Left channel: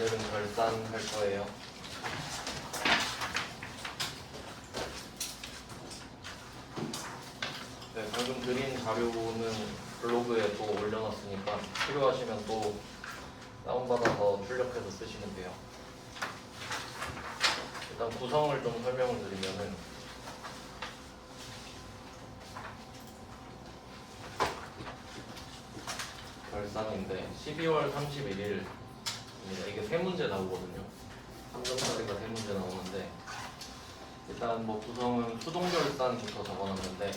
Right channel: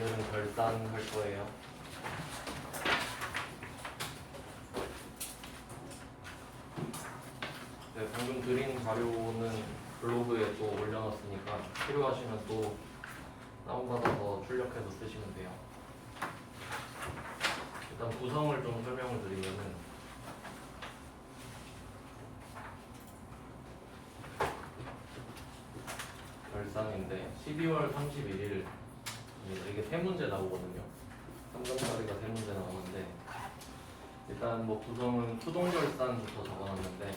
오늘은 결산할 거예요. 네, 방금 드린 자료는 블로그에 또 올려놨으니까 필요하시면 또 다운받아서 출력해서 쓰시면 돼요. 일단 구성을 좀 설명을 드리면은 결산인데 12월 31일 이게 세 문제 나오거든요. 3분짜리가 세 문제 나오는데 일단 뭐 구성은 수동결산부터 적어놨는데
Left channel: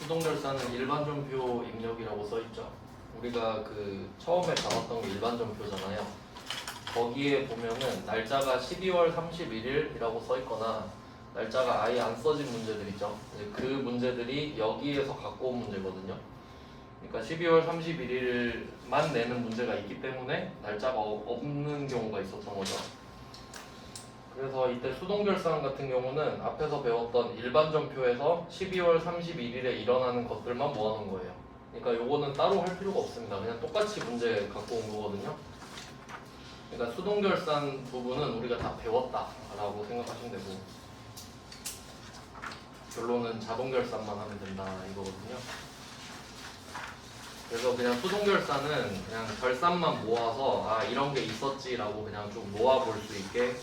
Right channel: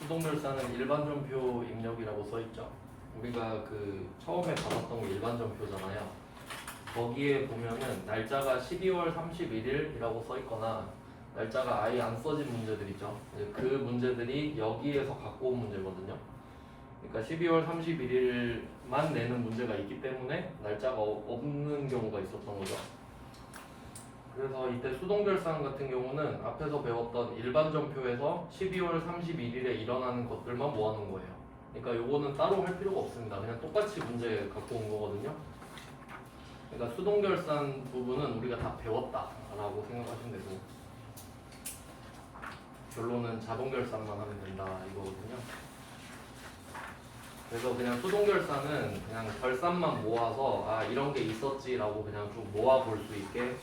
수동결산은 일반전표 입력이라고 써있죠. 우리가 그 처음에 받았던 게 일반전표잖아요. 거기에 보면은 날짜가 12월 31일이라고 써있거나 날짜가 아예 안 써진 문제들 있죠. 이제 그 문제들이 여기에서 갖고 온 문제거든요. 그러니까 12월 31일만 내는 문제가 있기 때문에 날짜가 없는 경우가 있었던 거죠. 그래서 이때 수동결산 같은 경우는 앞에서 배웠던 일반전표에서 12월 31일에 일어나는 것들만 모아놓은 거예요. 그러니까 요거는 따로 할 필요가 없습니다. 그냥 똑같이 문제 갖고 온 거거든요. 그러니까 수동결산 부분은 우리가 다 배웠다라고 생각하시면 되고 결론은 자동결산만 하면 된다 이거거든요. 그래서 그냥 수동결산은 그냥 결산만 모아서 아 이런 게 있었지라고 그냥 좀 모아볼 수 있게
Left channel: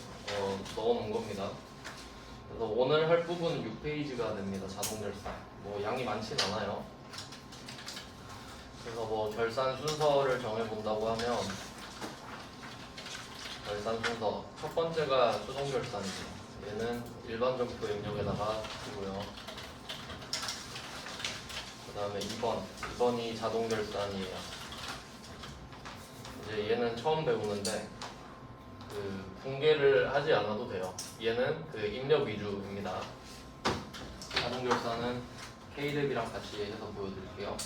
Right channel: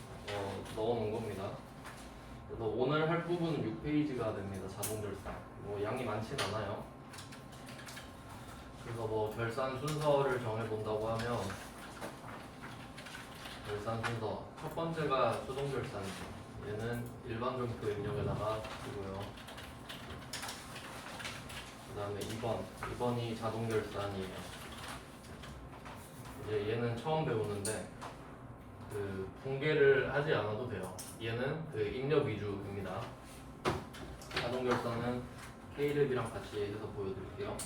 넣어놓은 겁니다. 그래서 오늘 할 부분은 6페이지가 됩니다. 자동결산. 뭐 양이 많진 않아요. 그래서 뭐 결산 순서를 정해본다고 하면 결산 순서 첫 번째가 수동결산이에요. 얘는 일반전표 입력에다가 두고요. 그 다음에 2번이 자동결산이에요. 이제 얘는 처음 배우는데 그 붕괴를 하지 않아도 돼요. 얘는 그 입력 위주입니다. 자동결산은 K랩이랑 같이 해서 보여드릴게요.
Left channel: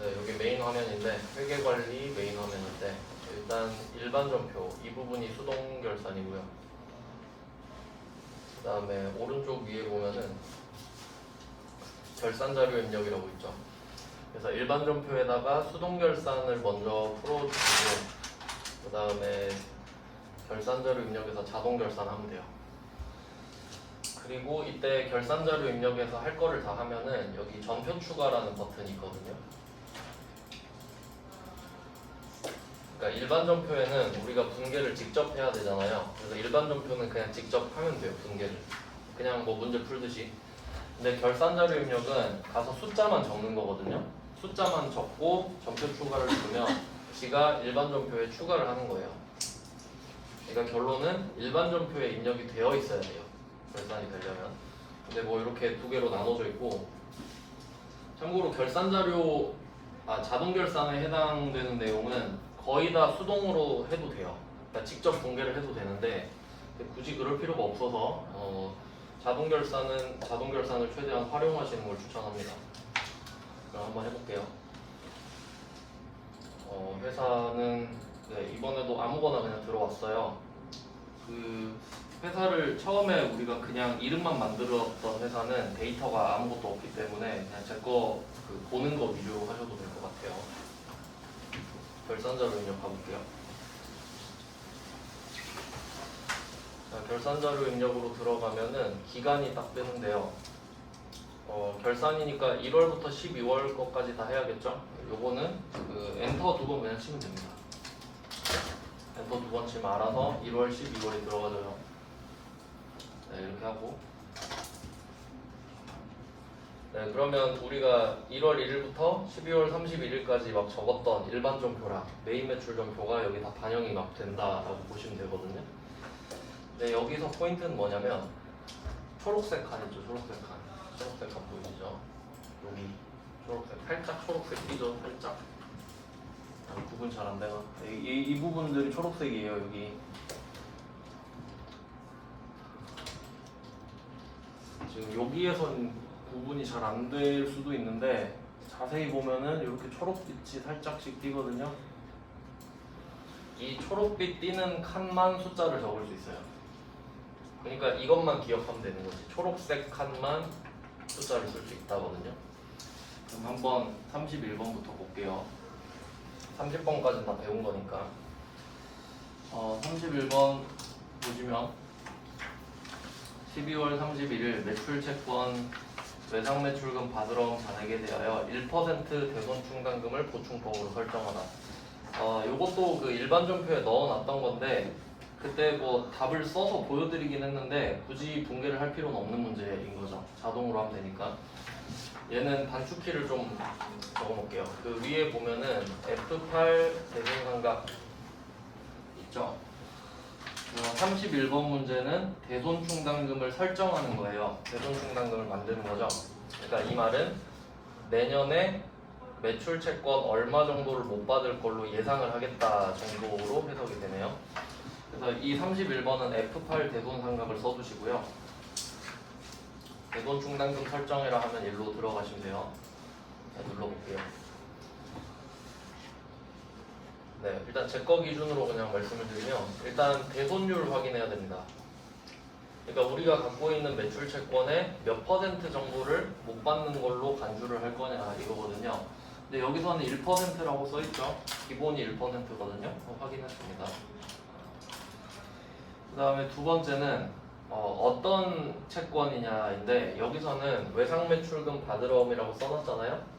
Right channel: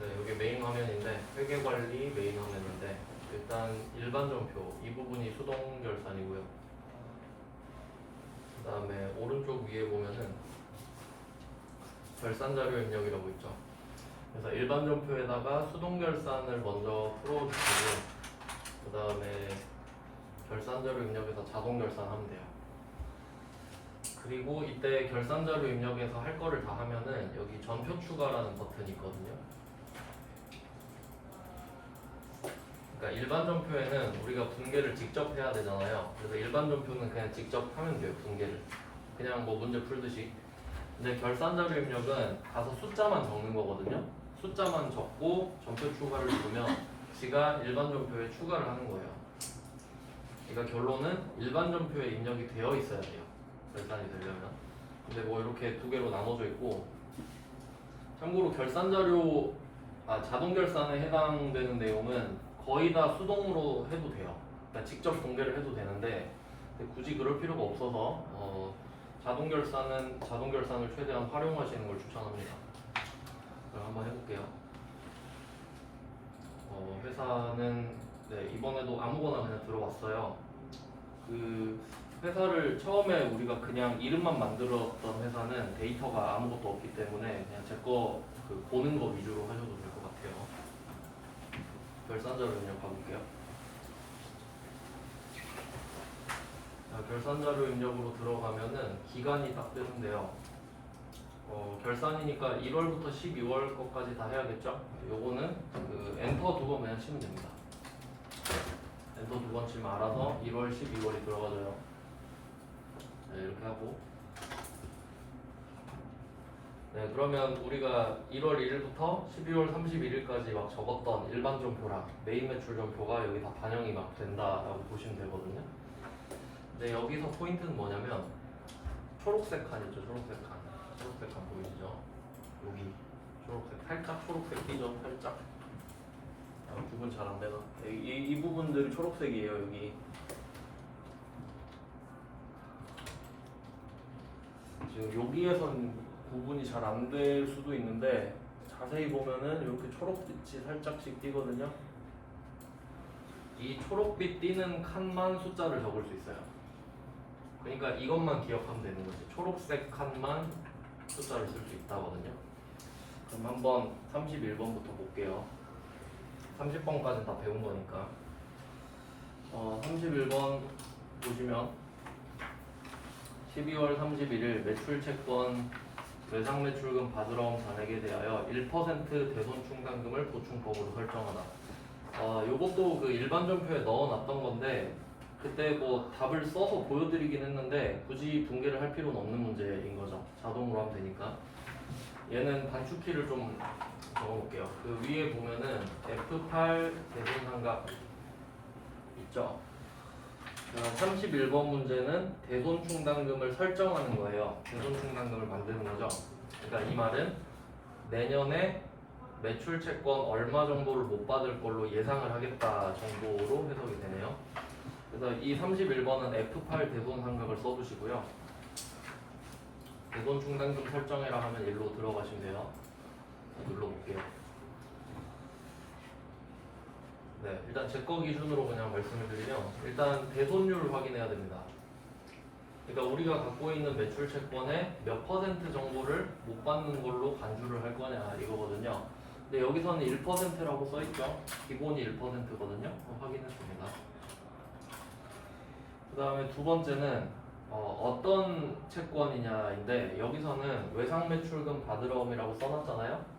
네, 여기 메인 화면인데 회계관리 메인 화면인데 일단 일반전표 이 부분이 수동결산이고요. 그 다음에 오른쪽 위에 보면은 결산자료 입력이라고 있죠. 그래서 일반전표에다가 수동결산을 먼저 풀어주시고 그 다음에 결산자료 입력에서 자동결산하면 돼요. 그리고 이때 결산자료 입력에서 할 거를 다 하면은 여기 전표 추가라는 버튼이 있거든요. 그러니까 일반전표에는 우리가 분계를 직접 해야 되잖아요. 그래서 일반전표는 그냥 직접 하면 돼요. 분계를 그냥 뭐 문제 풀듯이. 근데 결산자료 입력은 가서 숫자만 적는 거거든요. 숫자만 적고 전표 추가를 주면 지가 일반전표에 추가를 하는 거예요. 그러니까 결론은 일반전표에 입력이 되어 있어야 돼요. 결산이 되려면. 근데 뭐 이렇게 두 개로 나눠져 있고 참고로 결산자료 자동결산에 해당되는 내용은 거의 다 수동으로 해도 돼요. 그러니까 직접 분계를 해도 되는데 굳이 그럴 필요가 없어서 자동결산을 최대한 활용하시는 걸 추천합니다. 그럼 한번 해볼게요. 회사는 이번에도 아무거나 그냥 들어왔어요. 그 회사를 처음에 우리가 그냥 이름만 만들었던 회사는 데이터가 아무것도 없기 때문에 그냥 제 거 보는 거 위주로 하셔도 될 것 같아요. 결산자료 입력 가볼게요. 결산자료 입력으로 들어가면은 기간이 딱 뜨는데요. 결산이니까 1월부터 12월 거까지 다 해야겠죠? 요거는 그 엔터 두 번 그냥 치면 됩니다. 엔터 두 번 치면 알아서 1월, 12월에 들어가져요. 네, 이렇게 하고. 네, 그러면 우리가 1월 1일부터 12월 31일까지 막 적었던 일반전표랑 메인 매출전표가 여기 다 반영이 막 된다라고 보시면 되거든요. 네, 여기서 포인트는 뭐냐면 초록색 칸 있죠, 초록색 칸. 초록색 칸 보이시죠? 여기 초록색, 살짝 초록색 띄죠, 살짝. 구분 잘 안 돼요. 이 부분들이 초록색이에요, 여기. 지금 여기에선 구분이 잘 안 될 수도 있는데 자세히 보면은 이렇게 초록빛이 살짝씩 띄거든요. 이 초록빛 띄는 칸만 숫자를 적을 수 있어요. 그러니까 이것만 기억하면 되는 거지. 초록색 칸만 숫자를 쓸 수 있다거든요. 그럼 한번 31번부터 볼게요. 30번까지는 다 배운 거니까. 31번 보시면 12월 31일 매출 채권 외상 매출금 받으러 온 잔액에 대하여 1% 대손 충당금을 보충법으로 설정하라. 요것도 그 일반 전표에 넣어놨던 건데 그때 뭐 답을 써서 보여드리긴 했는데 굳이 붕괴를 할 필요는 없는 문제인 거죠. 자동으로 하면 되니까. 얘는 단축키를 좀 적어놓을게요. 그 위에 보면은 F8 대손상각 있죠. 31번 문제는 대손 충당금을 설정하는 거예요. 대손 충당금을 만드는 거죠. 그러니까 이 말은 내년에 매출 채권 얼마 정도를 못 받을 걸로 예상을 하겠다 정도로 해석이 되네요. 그래서 이 31번은 F8 대손 상각을 써주시고요. 대손 충당금 설정이라 하면 일로 들어가시면 돼요. 눌러볼게요. 네, 일단 제 거 기준으로 그냥 말씀을 드리면 일단 대손율 확인해야 됩니다. 그러니까 우리가 갖고 있는 매출 채권의 몇 퍼센트 정도를 못 받는 걸로 간주를 할 거냐 이거거든요. 근데 여기서는 1%라고 써있죠. 기본이 1%거든요. 확인했습니다. 그 다음에 두 번째는 어떤 채권이냐인데 여기서는 외상 매출금 받으러옴이라고 써놨잖아요.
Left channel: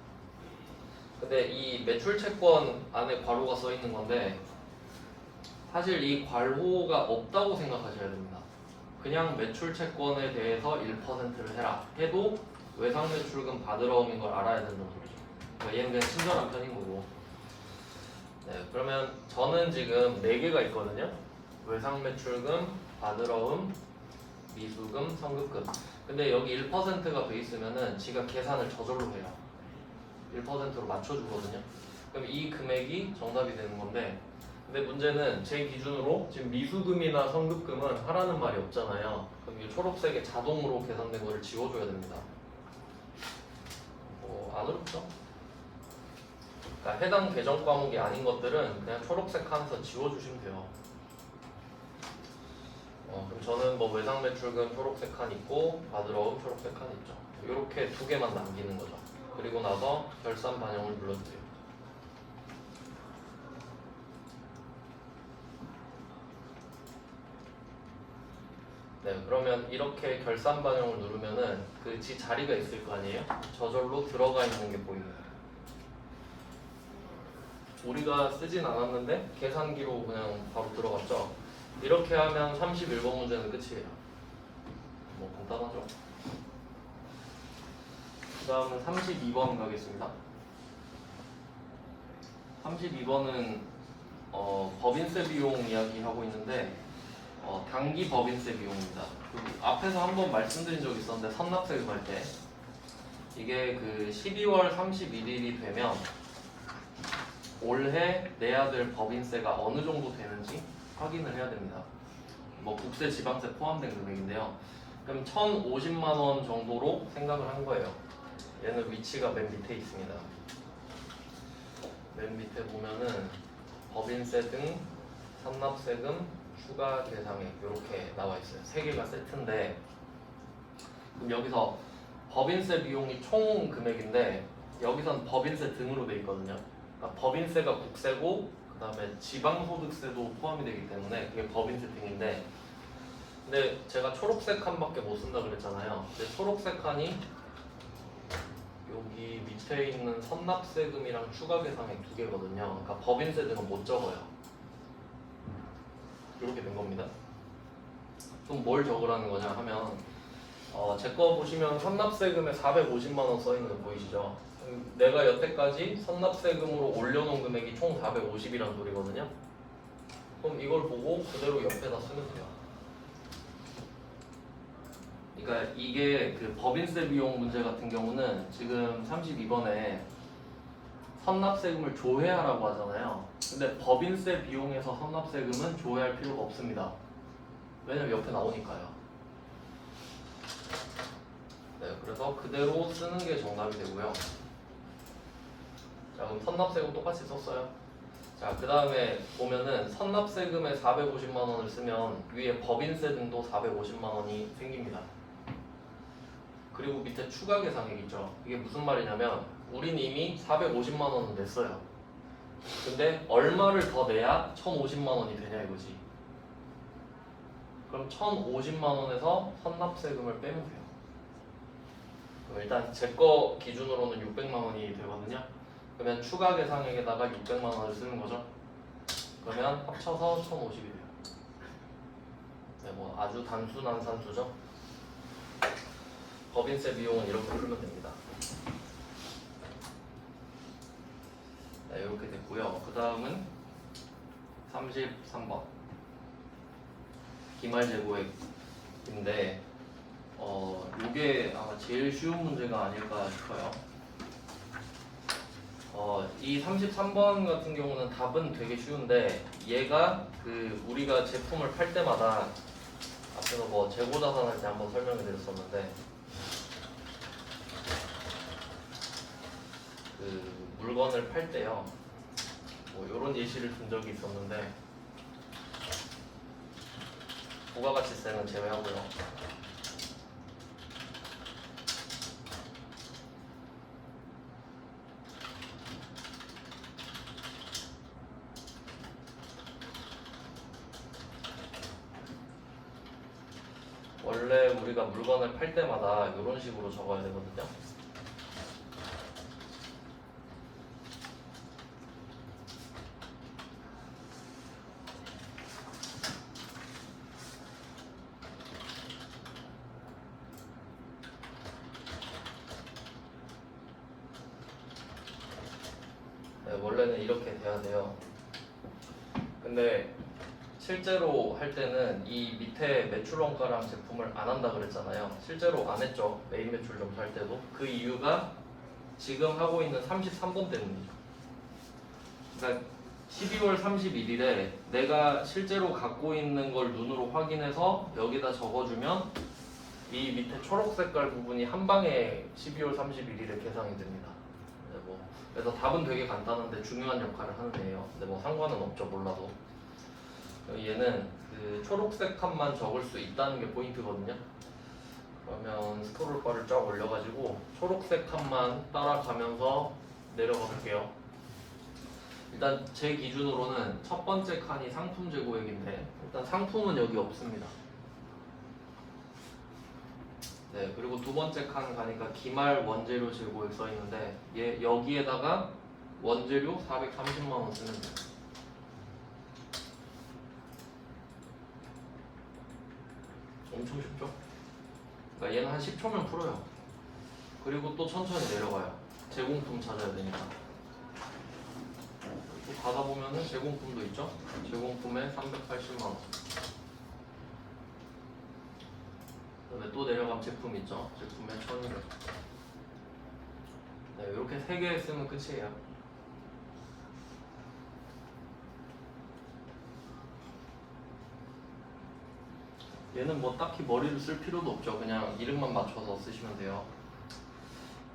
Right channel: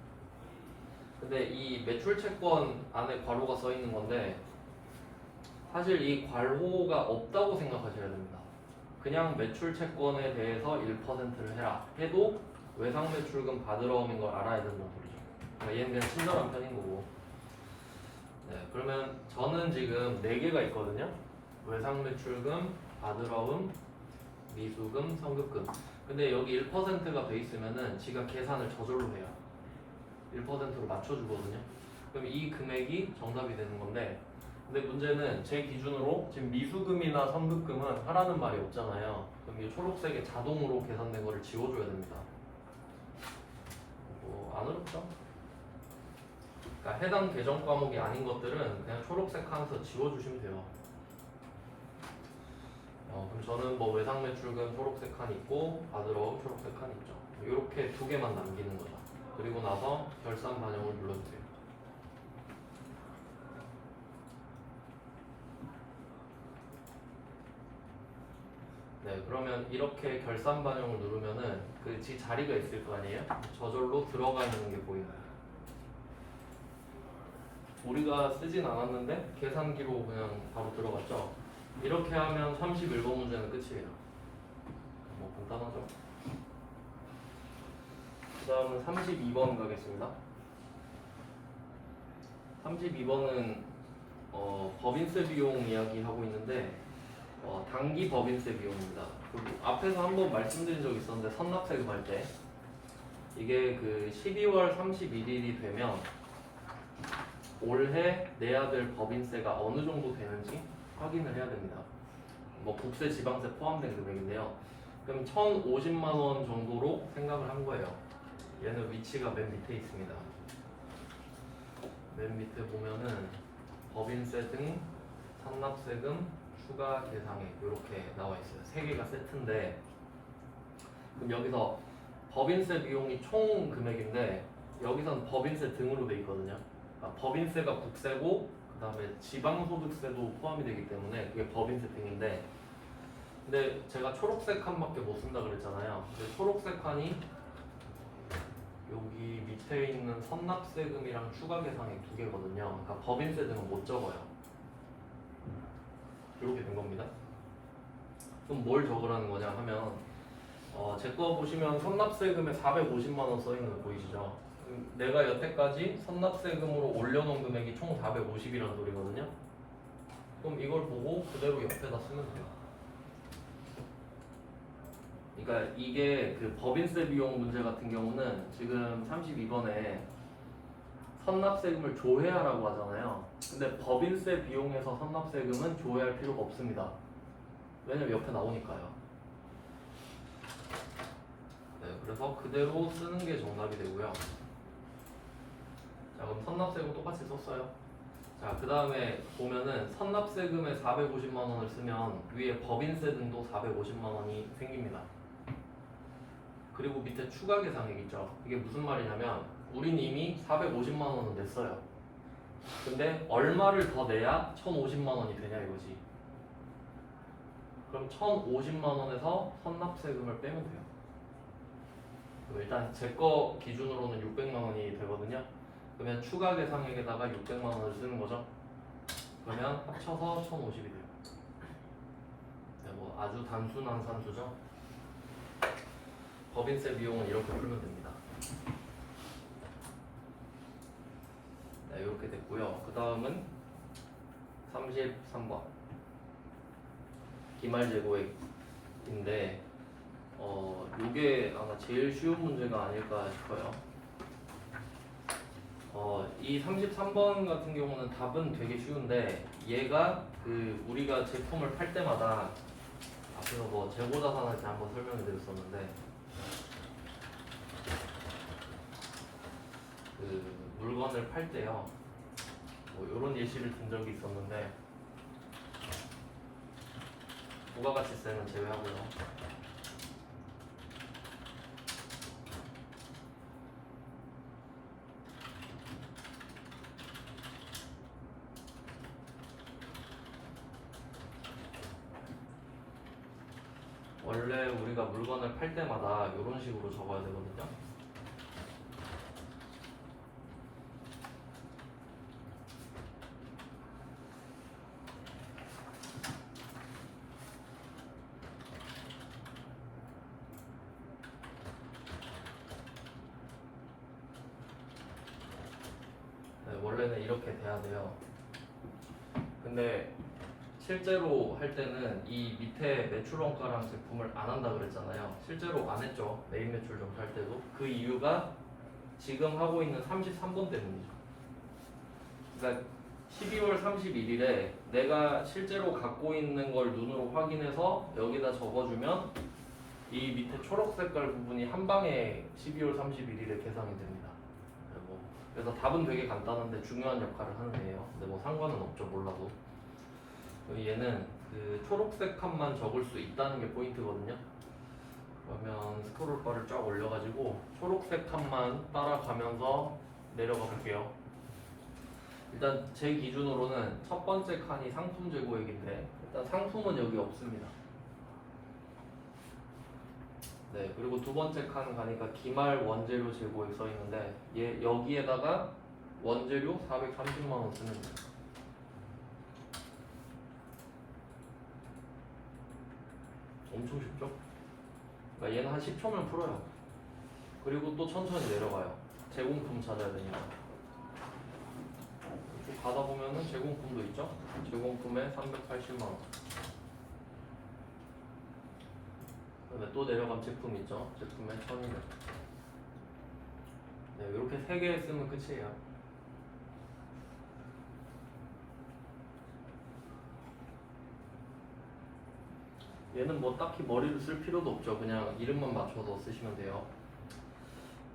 근데 이 매출 채권 안에 괄호가 써 있는 건데 사실 이 괄호가 없다고 생각하셔야 됩니다. 그냥 매출 채권에 대해서 1%를 해라 해도 외상 매출금 받으러옴인 걸 알아야 된다는 소리죠. 그러니까 얘는 그냥 친절한 편인 거고. 네, 그러면 저는 지금 4개가 있거든요. 외상 매출금, 받으러움, 미수금, 선급금. 근데 여기 1%가 돼 있으면은 지가 계산을 저절로 해요. 1%로 맞춰주거든요. 그럼 이 금액이 정답이 되는 건데, 근데 문제는 제 기준으로 지금 미수금이나 선급금은 하라는 말이 없잖아요. 그럼 이 초록색에 자동으로 계산된 거를 지워줘야 됩니다. 안 어렵죠? 그러니까 해당 계정 과목이 아닌 것들은 그냥 초록색 칸에서 지워주시면 돼요. 그럼 저는 뭐 외상 매출금 초록색 칸 있고 받으러 초록색 칸 있죠. 이렇게 2개만 남기는 거죠. 그리고 나서 결산 반영을 눌러주세요. 네, 그러면 이렇게 결산 반영을 누르면은 그 지 자리가 있을 거 아니에요? 저절로 들어가 있는 게 보여요. 우리가 쓰진 않았는데 계산기로 그냥 바로 들어갔죠. 이렇게 하면 31번 문제는 끝이에요. 뭐 간단하죠. 그 다음은 32번 가겠습니다. 32번은 법인세 비용 이야기 하고 있는데 단기 법인세 비용입니다. 그 앞에서 한번 말씀드린 적이 있었는데 선납세금 할 때 이게 그 12월 31일이 되면 올해 내야 될 법인세가 어느 정도 되는지 확인을 해야 됩니다. 뭐 국세, 지방세 포함된 금액인데요. 그럼 1,050만 원 정도로 생각을 한 거예요. 얘는 위치가 맨 밑에 있습니다. 맨 밑에 보면은 법인세 등 선납세금 추가 대상액 이렇게 나와 있어요. 3개가 세트인데 그럼 여기서 법인세 비용이 총 금액인데 여기선 법인세 등으로 돼 있거든요. 그러니까 법인세가 국세고 그 다음에 지방소득세도 포함이 되기 때문에 그게 법인세 등인데 근데 제가 초록색 칸밖에 못 쓴다 그랬잖아요. 근데 초록색 칸이 여기 밑에 있는 선납세금이랑 추가 계상액 2개거든요. 그러니까 법인세 등은 못 적어요. 이렇게 된 겁니다. 그럼 뭘 적으라는 거냐 하면 제 거 보시면 선납세금에 450만 원 써있는 거 보이시죠? 내가 여태까지 선납세금으로 올려놓은 금액이 총 450이라는 소리거든요. 그럼 이걸 보고 그대로 옆에다 쓰면 돼요. 그러니까 이게 그 법인세 비용 문제 같은 경우는 지금 32번에 선납세금을 조회하라고 하잖아요. 근데 법인세 비용에서 선납세금은 조회할 필요가 없습니다. 왜냐면 옆에 나오니까요. 네, 그래서 그대로 쓰는 게 정답이 되고요. 자, 그럼 선납세금 똑같이 썼어요. 자, 그 다음에 보면은 선납세금에 450만 원을 쓰면 위에 법인세 등도 450만 원이 생깁니다. 그리고 밑에 추가 계산액 있죠. 이게 무슨 말이냐면 우린 이미 450만 원은 냈어요. 근데 얼마를 더 내야 1050만 원이 되냐 이거지. 그럼 1050만 원에서 선납세금을 빼면 돼요. 그럼 일단 제 거 기준으로는 600만 원이 되거든요. 그러면 추가 계산액에다가 600만 원을 쓰는 거죠. 그러면 합쳐서 1050이 돼요. 네, 뭐 아주 단순한 산수죠. 법인세 비용은 이렇게 풀면 됩니다. 네, 이렇게 됐고요. 그 다음은 33번 기말재고액인데 이게 아마 제일 쉬운 문제가 아닐까 싶어요. 이 33번 같은 경우는 답은 되게 쉬운데 얘가 우리가 제품을 팔 때마다 앞에서 뭐 재고자산 할 때 한번 설명을 드렸었는데 물건을 팔 때요 뭐 이런 예시를 든 적이 있었는데 부가가치세는 제외하고요. 원래 우리가 물건을 팔 때마다 이런 식으로 적어야 되거든요. 네, 원래는 이렇게 돼야 돼요. 근데 실제로 할 때는 이 밑에 매출 원가랑 제품을 안 한다 그랬잖아요. 실제로 안 했죠. 메인 매출 점수할 때도. 그 이유가 지금 하고 있는 33번 때문이죠. 그러니까 12월 31일에 내가 실제로 갖고 있는 걸 눈으로 확인해서 여기다 적어주면 이 밑에 초록 색깔 부분이 한 방에 12월 31일에 계산이 됩니다. 네, 그래서 답은 되게 간단한데 중요한 역할을 하는 애예요. 근데 뭐 상관은 없죠, 몰라도. 얘는 초록색 칸만 적을 수 있다는 게 포인트거든요. 그러면 스크롤바를 쫙 올려가지고 초록색 칸만 따라가면서 내려가 볼게요. 일단 제 기준으로는 첫 번째 칸이 상품 재고액인데 일단 상품은 여기 없습니다. 네, 그리고 두 번째 칸 가니까 기말 원재료 재고액 써 있는데 여기에다가 원재료 430만 원 쓰면 돼요. 엄청 쉽죠? 그러니까 얘는 한 10초면 풀어요. 그리고 또 천천히 내려가요. 제공품 찾아야 되니까. 이렇게 가다 보면은 제공품도 있죠? 제공품에 380만 원. 그다음에 또 내려가면 제품 있죠? 제품에 1,200. 네, 이렇게 3개 쓰면 끝이에요. 얘는 뭐 딱히 머리를 쓸 필요도 없죠. 그냥 이름만 맞춰서 쓰시면 돼요.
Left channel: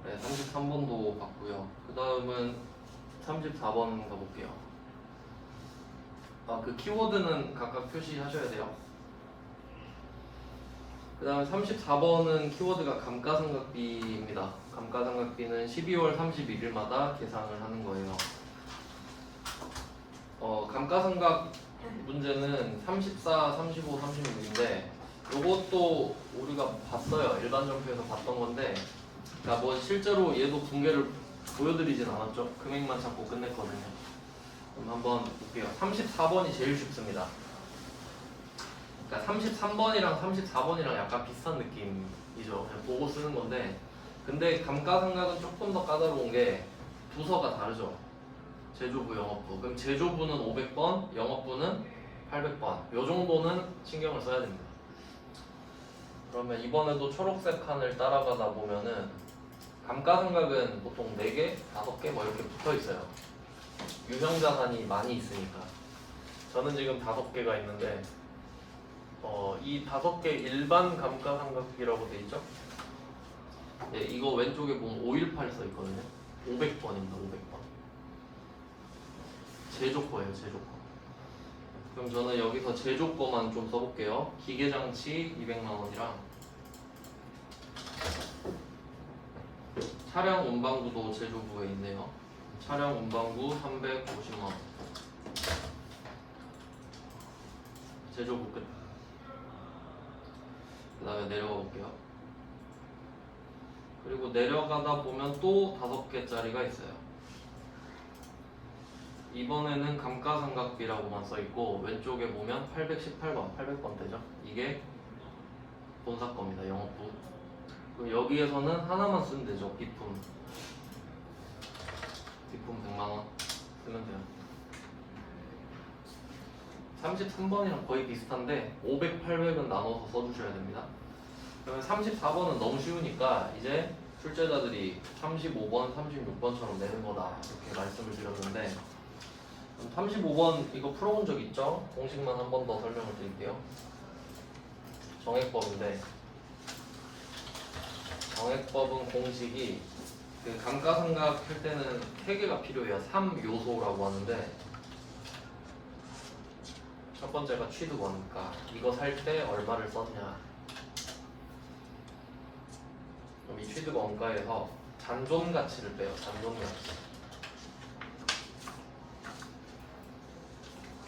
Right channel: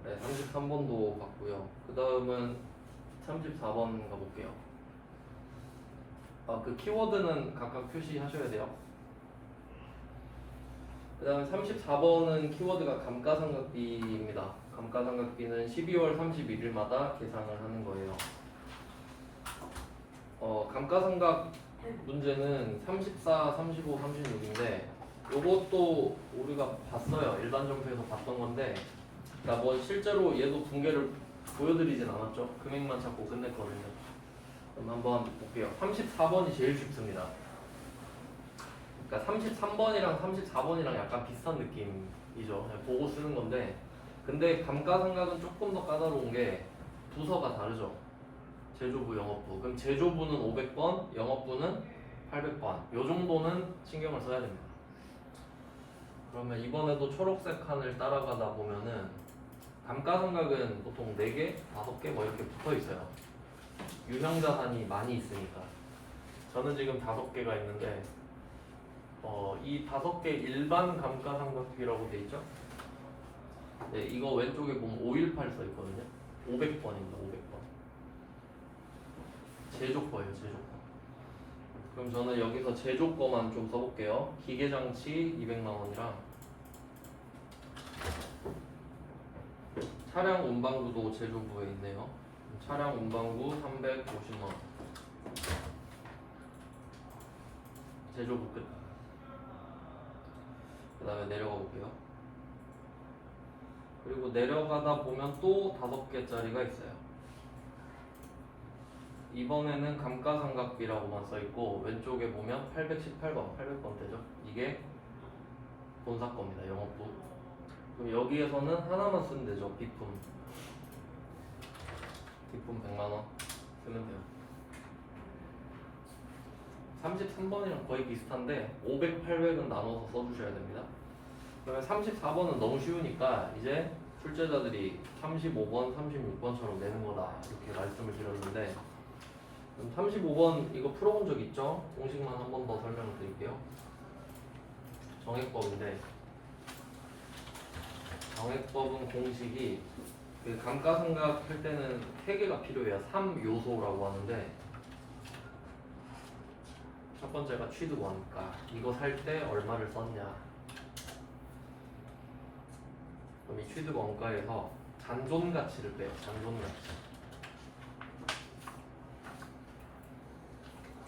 네, 33번도 봤고요. 그 다음은 34번 가볼게요. 그 키워드는 각각 표시하셔야 돼요. 그 다음 34번은 키워드가 감가상각비입니다. 감가상각비는 12월 31일마다 계산을 하는 거예요. 감가상각 문제는 34, 35, 36인데 이것도 우리가 봤어요. 일반점수에서 봤던 건데 그러니까 뭐 실제로 얘도 붕괴를 보여드리진 않았죠. 금액만 찾고 끝냈거든요. 그럼 한번 볼게요. 34번이 제일 쉽습니다. 그러니까 33번이랑 34번이랑 약간 비슷한 느낌이죠. 그냥 보고 쓰는 건데 근데 감가상각은 조금 더 까다로운 게 부서가 다르죠. 제조부, 영업부. 그럼 제조부는 500번, 영업부는 800번. 요 정도는 신경을 써야 됩니다. 그러면 이번에도 초록색 칸을 따라가다 보면은 감가상각은 보통 4개, 5개 뭐 이렇게 붙어 있어요. 유형자산이 많이 있으니까. 저는 지금 5개가 있는데 이 5개 일반 감가상각비라고 돼 있죠? 네, 이거 왼쪽에 보면 518 써 있거든요. 500번입니다. 500번. 제조거예요, 제조거. 그럼 저는 여기서 제조거만 좀 써볼게요. 기계장치 200만 원이랑 차량 운반구도 제조부에 있네요. 차량 운반구 350만 원. 제조부 끝. 그 다음에 내려가 볼게요. 그리고 내려가다 보면 또 5개짜리가 있어요. 이번에는 감가상각비라고만 써있고 왼쪽에 보면 818번, 800번 되죠? 이게 본사 겁니다. 영업부. 그럼 여기에서는 하나만 쓰면 되죠. 비품 100만원 쓰면 돼요. 33번이랑 거의 비슷한데 500, 800은 나눠서 써주셔야 됩니다. 그다음에 34번은 너무 쉬우니까 이제 출제자들이 35번, 36번처럼 내는 거다 이렇게 말씀을 드렸는데, 그럼 35번 이거 풀어본 적 있죠? 공식만 한 번 더 설명을 드릴게요. 정액법인데 정액법은 공식이 그 감가상각 할 때는 3개가 필요해요. 3요소라고 하는데 첫 번째가 취득 원가, 이거 살 때 얼마를 썼냐. 그럼 이 취득 원가에서 잔존 가치를 빼요. 잔존 가치.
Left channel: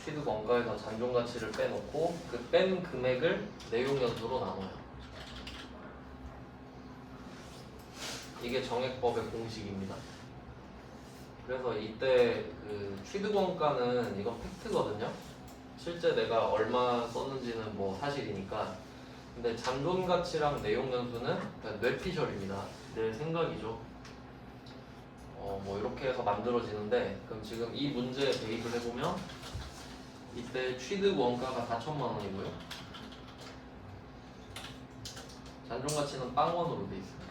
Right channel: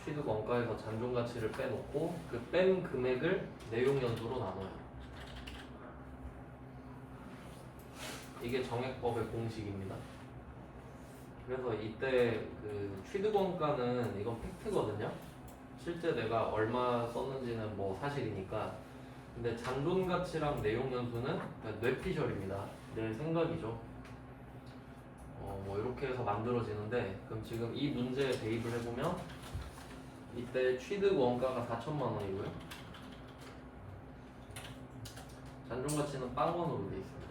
취득 원가에서 잔존 가치를 빼놓고 그 뺀 금액을 내용 연수로 나눠요. 이게 정액법의 공식입니다. 그래서 이때 그 취득 원가는 이건 팩트거든요. 실제 내가 얼마 썼는지는 뭐 사실이니까. 근데 잔존 가치랑 내용 연수는 그냥 뇌피셜입니다. 내 생각이죠. 뭐 이렇게 해서 만들어지는데, 그럼 지금 이 문제에 대입을 해보면 이때 취득 원가가 4천만 원이고요. 잔존 가치는 빵원으로 돼 있습니다.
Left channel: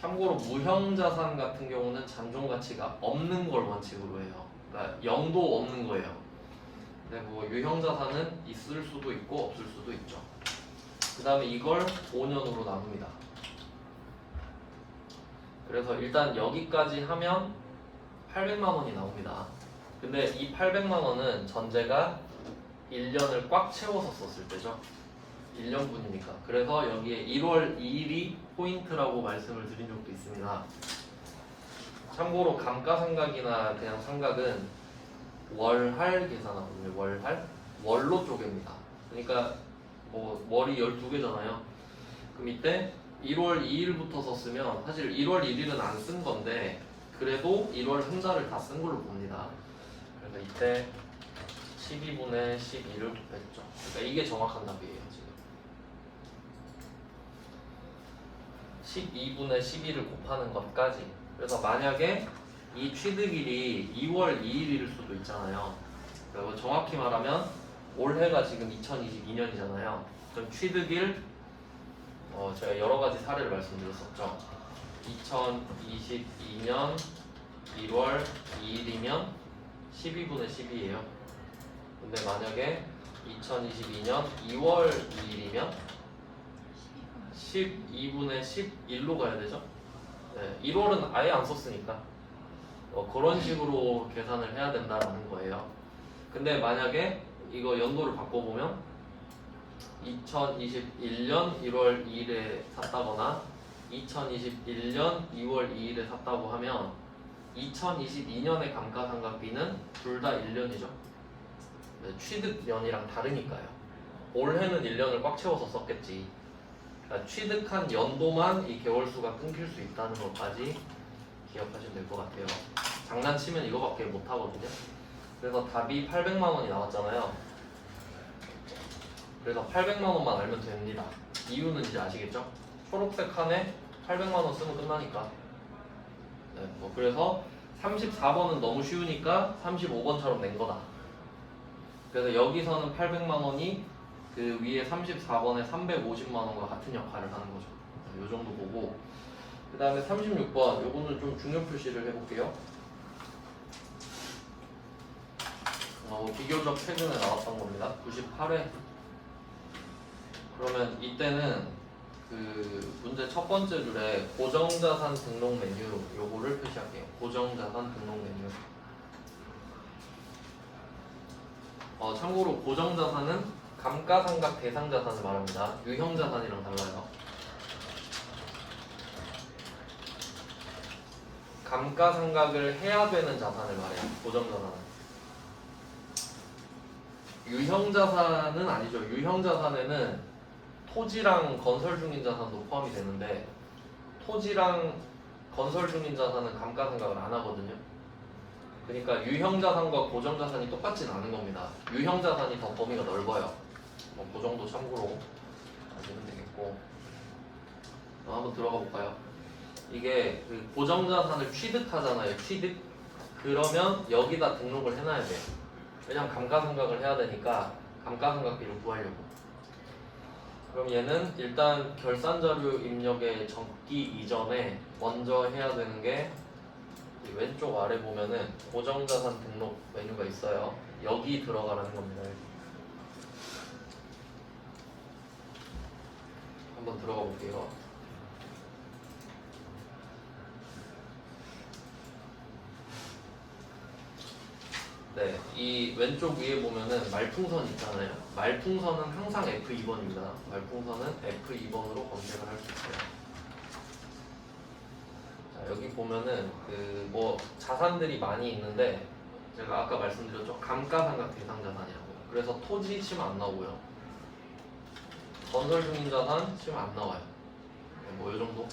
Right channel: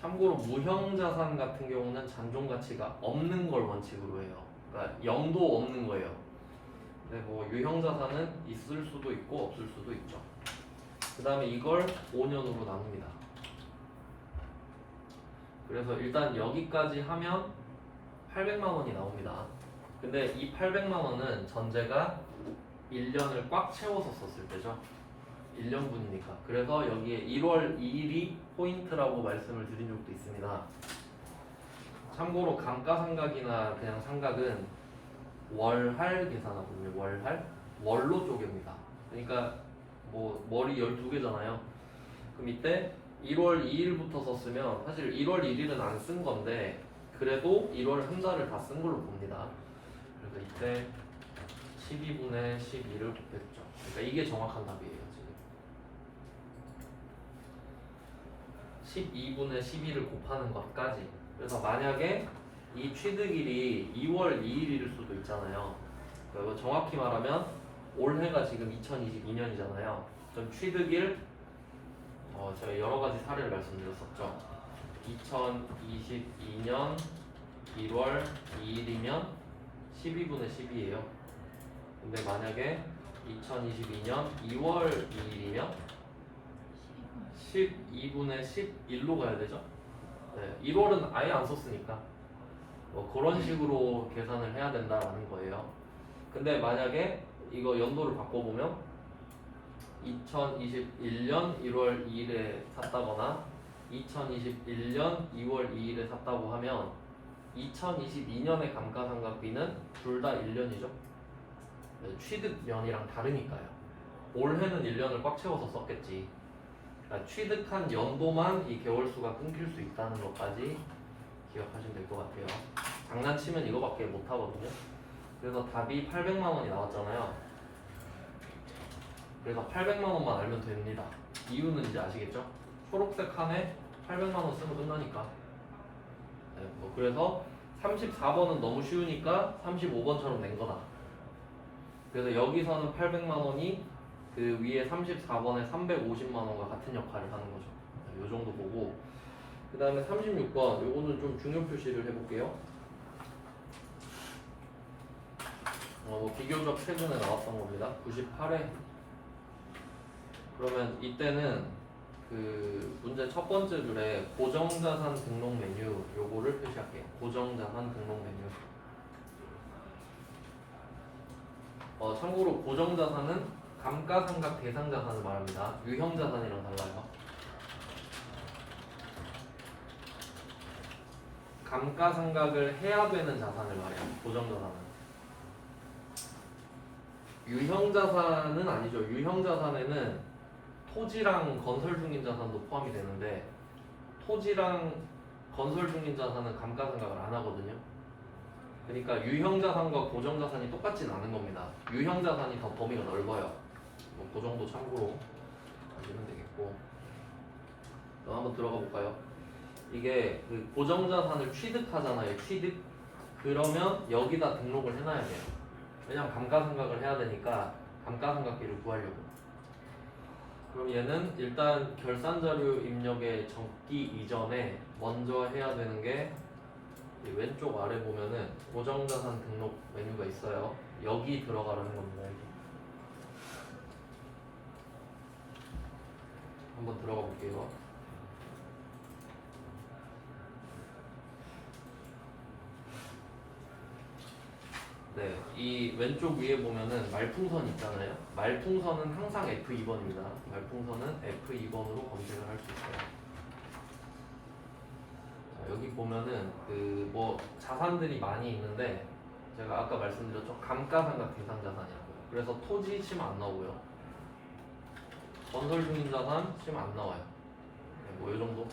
참고로 무형자산 같은 경우는 잔존 가치가 없는 걸 원칙으로 해요. 그러니까 0도 없는 거예요. 근데 뭐 유형자산은 있을 수도 있고 없을 수도 있죠. 그 다음에 이걸 5년으로 나눕니다. 그래서 일단 여기까지 하면 800만 원이 나옵니다. 근데 이 800만 원은 전제가 1년을 꽉 채워서 썼을 때죠. 1년분이니까. 그래서 여기에 1월 2일이 포인트라고 말씀을 드린 적도 있습니다. 참고로 감가상각이나 그냥 상각은 월할 계산하거든요. 월할? 월로 쪼갭니다. 그러니까 뭐 월이 12개잖아요. 그럼 이때 1월 2일부터 썼으면 사실 1월 1일은 안 쓴 건데 그래도 1월 한 달을 다 쓴 걸로 봅니다. 그래서 이때 12분의 12를 곱했죠. 그러니까 이게 정확한 답이에요. 지금 12분의 12를 곱하는 것까지. 그래서 만약에 이 취득일이 2월 2일일 수도 있잖아요. 그리고 정확히 말하면 올해가 지금 2022년이잖아요. 그럼 취득일 제가 여러 가지 사례를 말씀드렸었죠. 2022년 1월 2일이면 12분의 10이에요. 근데 만약에 2022년 2월 2일이면 12분의 11로 가야 되죠? 네, 1월은 아예 안 썼으니까 그런 식으로 계산을 해야 된다는 거예요. 근데 만약에 이거 연도를 바꿔보면 2021년 1월 2일에 샀다거나 2021년 2월 2일에 샀다고 하면 2022년의 감가상각비는 둘 다 1년이죠. 네, 취득년이랑 다르니까요. 올해는 1년을 꽉 채워서 썼겠지. 그러니까 취득한 연도만 이 개월수가 끊길 수 있다는 것까지 기억하시면 될 것 같아요. 장난치면 이거밖에 못 하거든요. 그래서 답이 800만 원이 나왔잖아요. 그래서 800만 원만 알면 됩니다. 이유는 이제 아시겠죠? 초록색 칸에 800만 원 쓰면 끝나니까. 네, 그래서 34번은 너무 쉬우니까 35번처럼 낸 거다. 그래서 여기서는 800만 원이 그 위에 34번에 350만 원과 같은 역할을 하는 거죠. 네, 이 정도 보고, 그 다음에 36번 요거는 좀 중요 표시를 해볼게요. 비교적 최근에 나왔던 겁니다. 98회. 그러면 이때는 그 문제 첫 번째 줄에 고정자산 등록 메뉴 요거를 표시할게요. 고정자산 등록 메뉴. 참고로 고정자산은 감가상각 대상자산을 말합니다. 유형자산이랑 달라요. 감가상각을 해야 되는 자산을 말해요. 고정자산은. 유형자산은 아니죠. 유형자산에는 토지랑 건설 중인 자산도 포함이 되는데 토지랑 건설 중인 자산은 감가상각을 안 하거든요. 그러니까 유형자산과 고정자산이 똑같진 않은 겁니다. 유형자산이 더 범위가 넓어요. 그 정도 참고로 아시면 되겠고. 한번 들어가 볼까요? 이게 그 고정자산을 취득하잖아요. 취득. 그러면 여기다 등록을 해놔야 돼요. 왜냐면 감가상각을 해야 되니까 감가상각비를 구하려고. 그럼 얘는 일단 결산자료 입력에 적기 이전에 먼저 해야 되는 게 왼쪽 아래 보면은 고정자산 등록 메뉴가 있어요. 여기 들어가라는 겁니다. 여기. 한번 들어가 볼게요. 네, 이 왼쪽 위에 보면은 말풍선 있잖아요. 말풍선은 항상 F2번입니다. 말풍선은 F2번으로 검색을 할 수 있어요. 자, 여기 보면은 그 뭐 자산들이 많이 있는데 제가 아까 말씀드렸죠. 감가상각 대상자산이라고요. 그래서 토지 치면 안 나오고요. 건설 중인 자산 치면 안 나와요. 뭐 이 정도.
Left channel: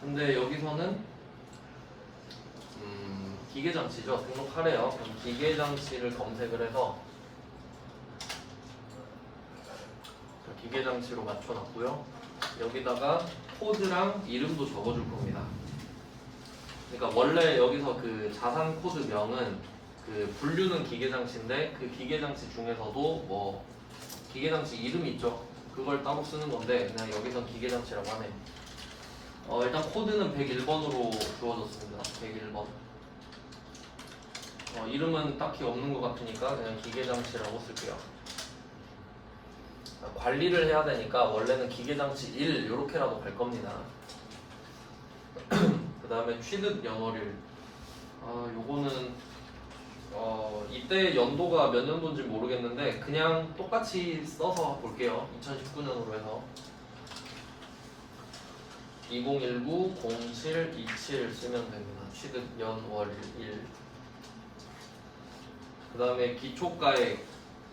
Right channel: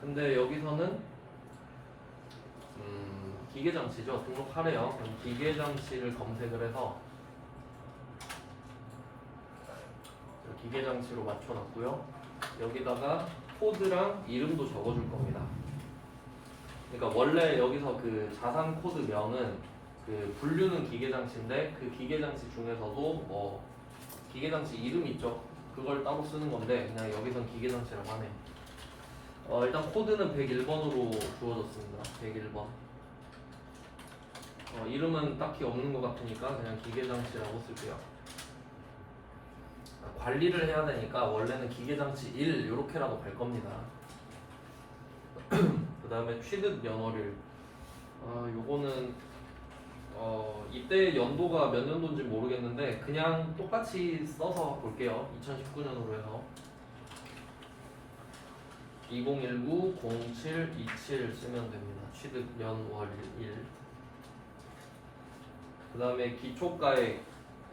근데 여기서는 기계장치죠. 등록하래요. 그럼 기계장치를 검색을 해서 기계장치로 맞춰놨고요. 여기다가 코드랑 이름도 적어줄 겁니다. 그러니까 원래 여기서 그 자산 코드명은 그 분류는 기계장치인데 그 기계장치 중에서도 뭐 기계장치 이름 있죠. 그걸 따로 쓰는 건데 그냥 여기선 기계장치라고 하네요. 일단 코드는 101번으로 주어졌습니다. 101번. 이름은 딱히 없는 것 같으니까 그냥 기계장치라고 쓸게요. 관리를 해야 되니까 원래는 기계장치 1 이렇게라도 갈 겁니다. 그 다음에 취득 연월일. 요거는 이때 연도가 몇 년도인지 모르겠는데 그냥 똑같이 써서 볼게요. 2019년으로 해서 2019-07-27 쓰면 됩니다. 취득 연월일. 그 다음에 기초가액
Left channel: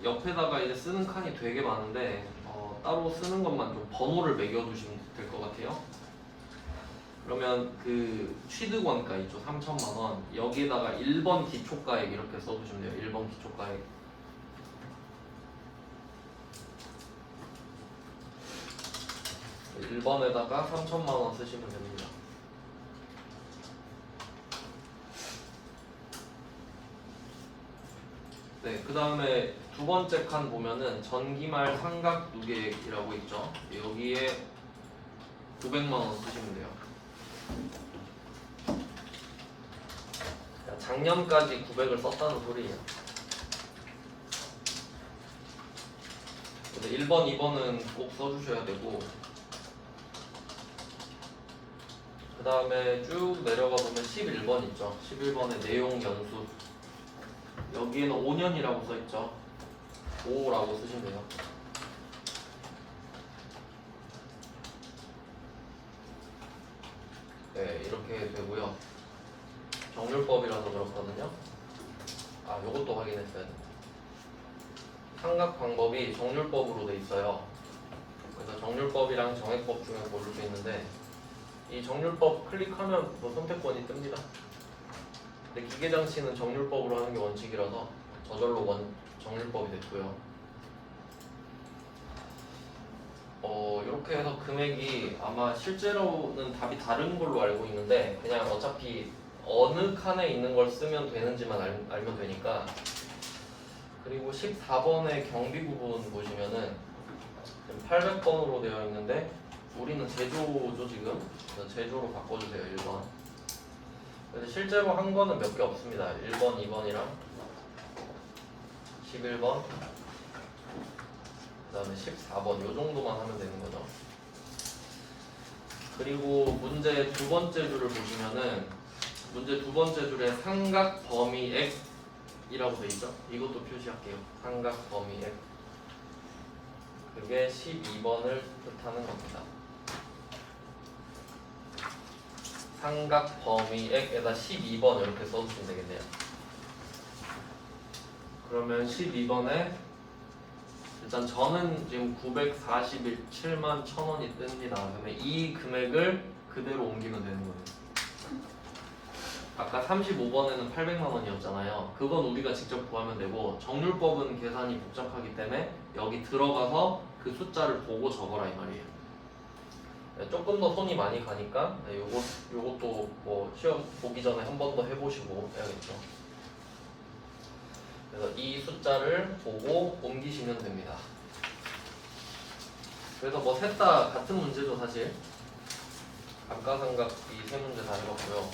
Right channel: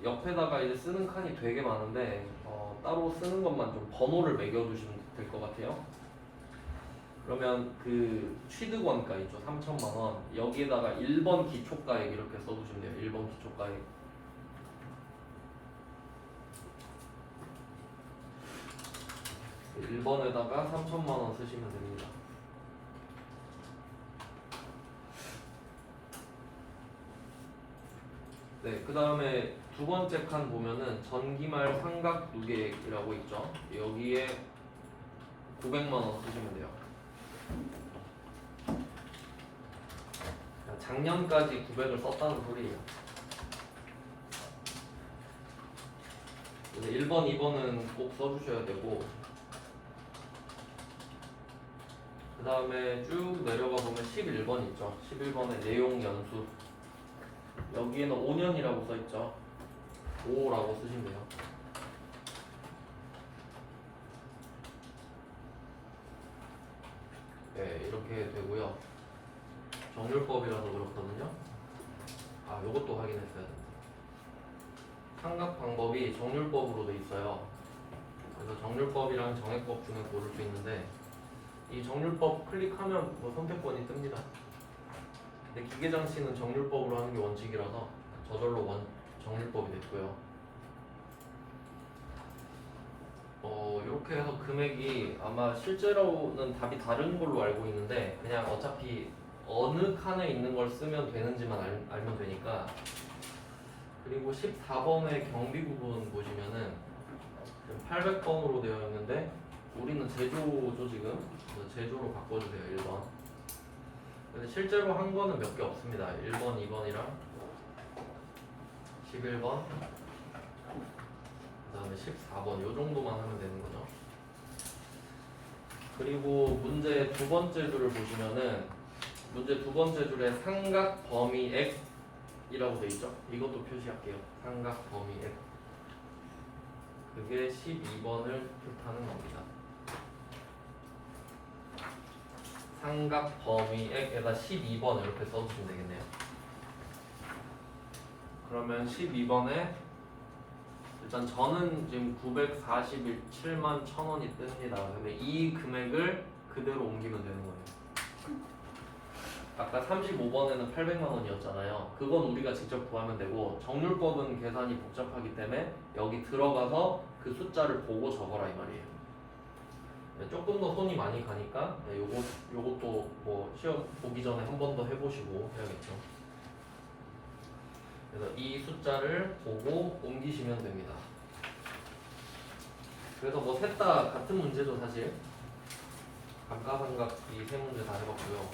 옆에다가 이제 쓰는 칸이 되게 많은데 따로 쓰는 것만 좀 번호를 매겨두시면 될 것 같아요. 그러면 그 취득원가 있죠. 3천만 원. 여기에다가 1번 기초가액 이렇게 써두시면 돼요. 1번 기초가액. 그 1번에다가 3천만 원 쓰시면 됩니다. 네, 그 다음에 두 번째 칸 보면은 전기말 상각 누계액이라고 있죠. 여기에 900만 원 쓰시면 돼요. 작년까지 900을 썼다는 소리예요. 근데 1번, 2번은 꼭 써주셔야 되고 그 다음에 쭉 내려가 보면 11번 있죠. 11번에 내용 연수. 여기에는 5년이라고 써있죠. 5라고 쓰시면 돼요. 네, 이렇게 되고요. 정률법이라서 그렇거든요. 요것도 확인했어요. 상각 방법이 정률법으로 돼 있어요. 그래서 정률법이랑 정액법 중에 고를 수 있는데 이 정률법 클릭하면 뭐 선택권이 뜹니다. 근데 기계장치는 정률법으로 하는 게 원칙이라서 저절로 정률법이 됐고요. 이렇게 해서 금액이 아마 실제로는 답이 다른 걸로 알고 있는데 그냥 어차피 어느 칸에 있는 걸 쓰면 되는지만 알면 되니까. 그리고 14번의 경비 부분 보시면은 800번으로 되어 있는데 우리는 제조죠 지금. 그래서 제조로 바꿔주세요. 1번. 그래서 실제로 한 거는 몇 개 없습니다. 1번, 2번이랑 11번, 그 다음에 14번 요 정도만 하면 되는 거죠. 그리고 문제 두 번째 줄을 보시면은 문제 두 번째 줄에 삼각 범위액이라고 돼 있죠. 이것도 표시할게요. 삼각 범위액. 그게 12번을 뜻하는 겁니다. 삼각 범위액에다 12번 이렇게 써주시면 되겠네요. 그러면 12번에 일단 저는 지금 947만 1,000원이 뜹니다. 그러면 이 금액을 그대로 옮기면 되는 거예요. 아까 35번에는 800만 원이었잖아요. 그건 우리가 직접 구하면 되고 정률법은 계산이 복잡하기 때문에 여기 들어가서 그 숫자를 보고 적어라 이 말이에요. 네, 조금 더 손이 많이 가니까 요것도 뭐 시험 보기 전에 한 번 더 해보시고 해야겠죠. 그래서 이 숫자를 보고 옮기시면 됩니다. 그래서 뭐 셋 다 같은 문제죠 사실. 감가상각 이 세 문제 다 해봤고요.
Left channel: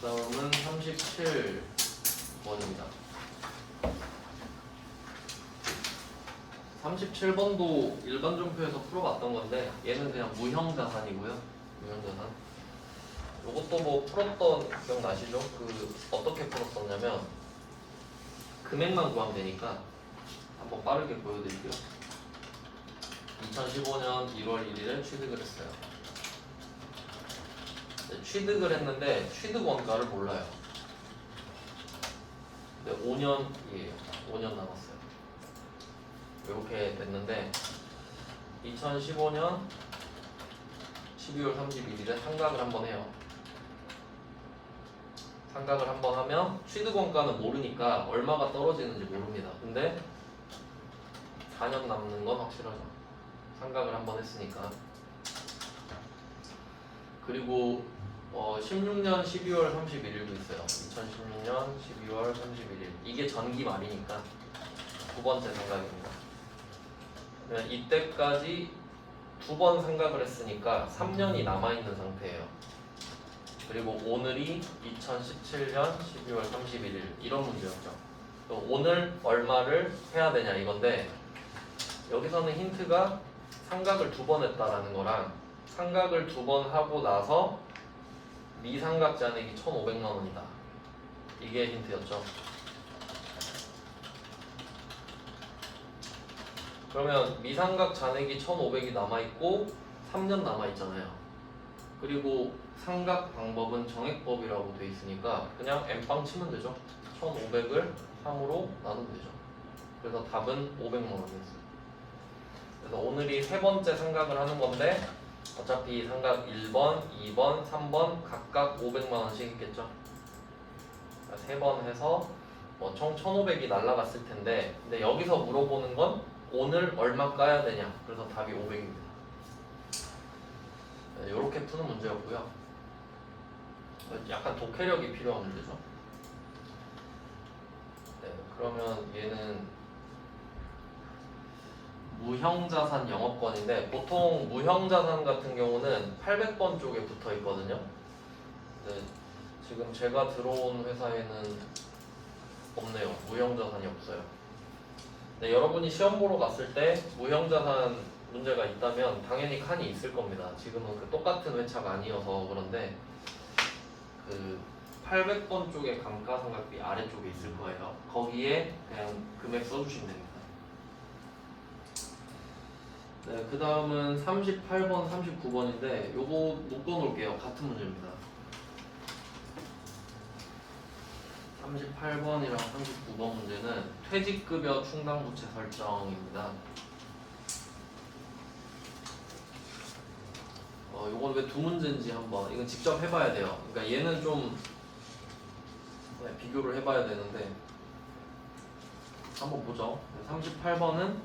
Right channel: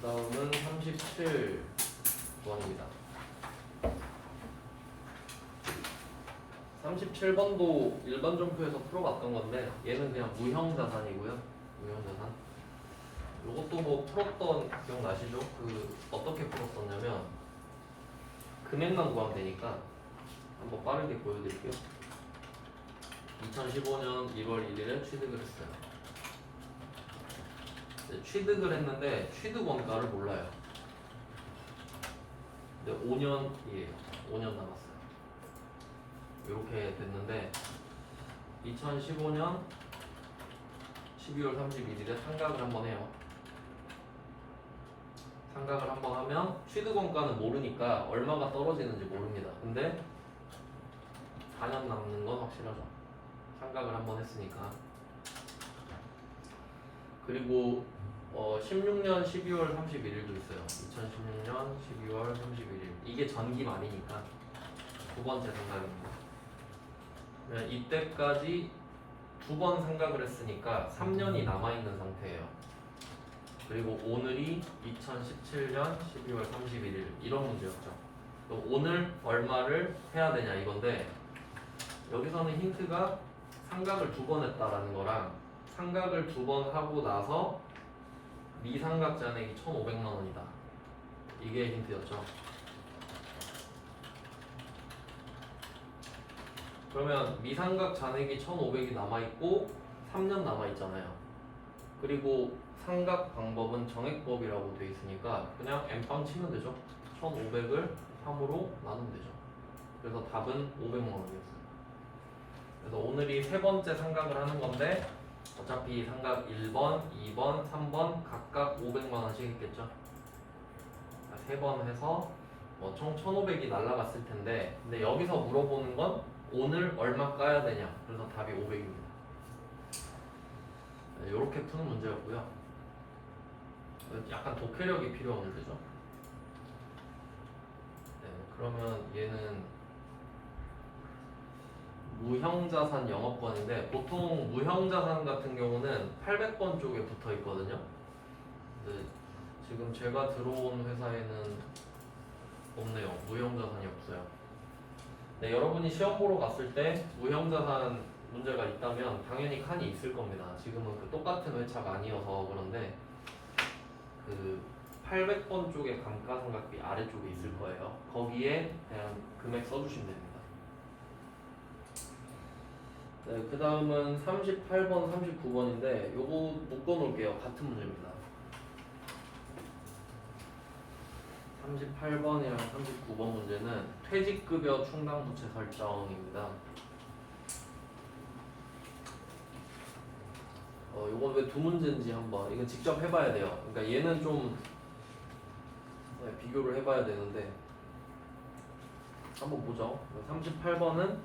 그 다음은 37번입니다. 37번도 일반전표에서 풀어봤던 건데 얘는 그냥 무형자산이고요. 무형자산. 이것도 뭐 풀었던 기억나시죠? 그 어떻게 풀었었냐면 금액만 구하면 되니까 한번 빠르게 보여드릴게요. 2015년 1월 1일에 취득을 했어요. 네, 취득을 했는데 취득 원가를 몰라요. 근데 5년 남았어요. 이렇게 됐는데 2015년 12월 31일에 상각을 한번 해요. 상각을 한번 하면 취득 원가는 모르니까 얼마가 떨어지는지 모릅니다. 근데 4년 남는 건 확실하죠. 상각을 한번 했으니까. 그리고 16년 12월 31일도 있어요. 2016년 12월 31일. 이게 전기 말이니까 두 번째 상각입니다. 이때까지 두 번 상각을 했으니까 3년이 남아있는 상태예요. 그리고 오늘이 2017년 12월 31일 이런 문제였죠. 오늘 얼마를 해야 되냐 이건데 여기서는 힌트가 상각을 두 번 했다라는 거랑 상각을 두 번 하고 나서 미상각 잔액이 1,500만 원이다. 이게 힌트였죠. 그러면 미상각 잔액이 1,500이 남아있고 3년 남아있잖아요. 그리고 상각 방법은 정액법이라고 돼 있으니까 그냥 N빵 치면 되죠. 1,500을 3으로 나누면 되죠. 그래서 답은 500만 원이었어요. 그래서 오늘이 세 번째 상각을 하는 건데 어차피 상각 1번, 2번, 3번 각각 500만 원씩 있겠죠. 세 번 해서 총 1,500이 날라갔을 텐데 근데 여기서 물어보는 건 오늘 얼마 까야 되냐. 그래서 답이 500입니다. 이렇게 푸는 문제였고요. 약간 독해력이 필요한 문제죠. 네, 그러면 얘는 무형자산 영업권인데 보통 무형자산 같은 경우는 800번 쪽에 붙어 있거든요. 근데 지금 제가 들어온 회사에는 없네요. 무형자산이 없어요. 네, 여러분이 시험 보러 갔을 때 무형자산 문제가 있다면 당연히 칸이 있을 겁니다. 지금은 그 똑같은 회차가 아니어서 그런데 그 800번 쪽에 감가상각비 아래쪽에 있을 거예요. 거기에 그냥 금액 써주시면 됩니다. 네, 그 다음은 38번, 39번인데 요거 묶어놓을게요. 같은 문제입니다. 38번이랑 39번 문제는 퇴직급여 충당부채 설정입니다. 이건 왜 두 문제인지 한번 이건 직접 해봐야 돼요. 그러니까 얘는 좀 비교를 해봐야 되는데 한번 보죠. 38번은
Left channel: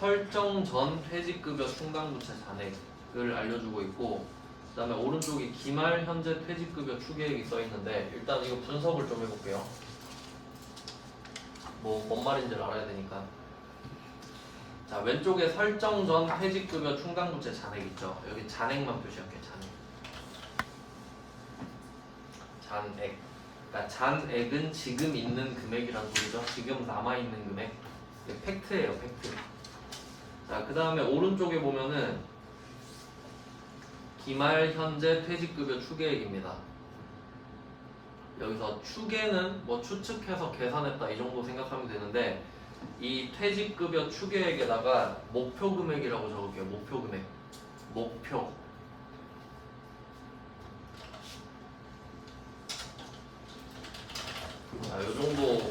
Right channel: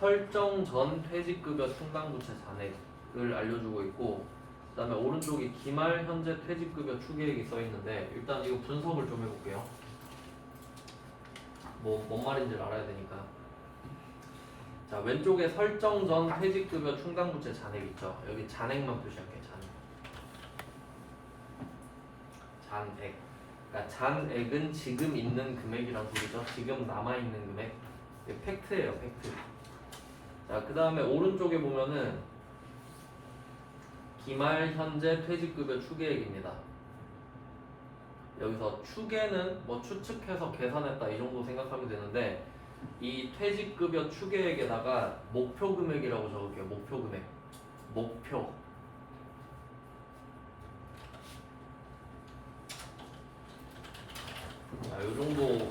설정 전 퇴직급여 충당부채 잔액을 알려주고 있고 그 다음에 오른쪽에 기말 현재 퇴직급여 추계액이 써있는데 일단 이거 분석을 좀 해볼게요. 뭔 말인지를 알아야 되니까. 자, 왼쪽에 설정 전 퇴직급여 충당부채 잔액 있죠. 여기 잔액만 표시할게요. 잔액. 그러니까 잔액은 지금 있는 금액이란 소리죠. 지금 남아있는 금액. 이게 팩트예요. 팩트. 자, 그 다음에 오른쪽에 보면은 기말 현재 퇴직급여 추계액입니다. 여기서 추계는 뭐 추측해서 계산했다 이 정도 생각하면 되는데 이 퇴직급여 추계액에다가 목표 금액이라고 적을게요. 목표 금액. 목표. 자, 요 정도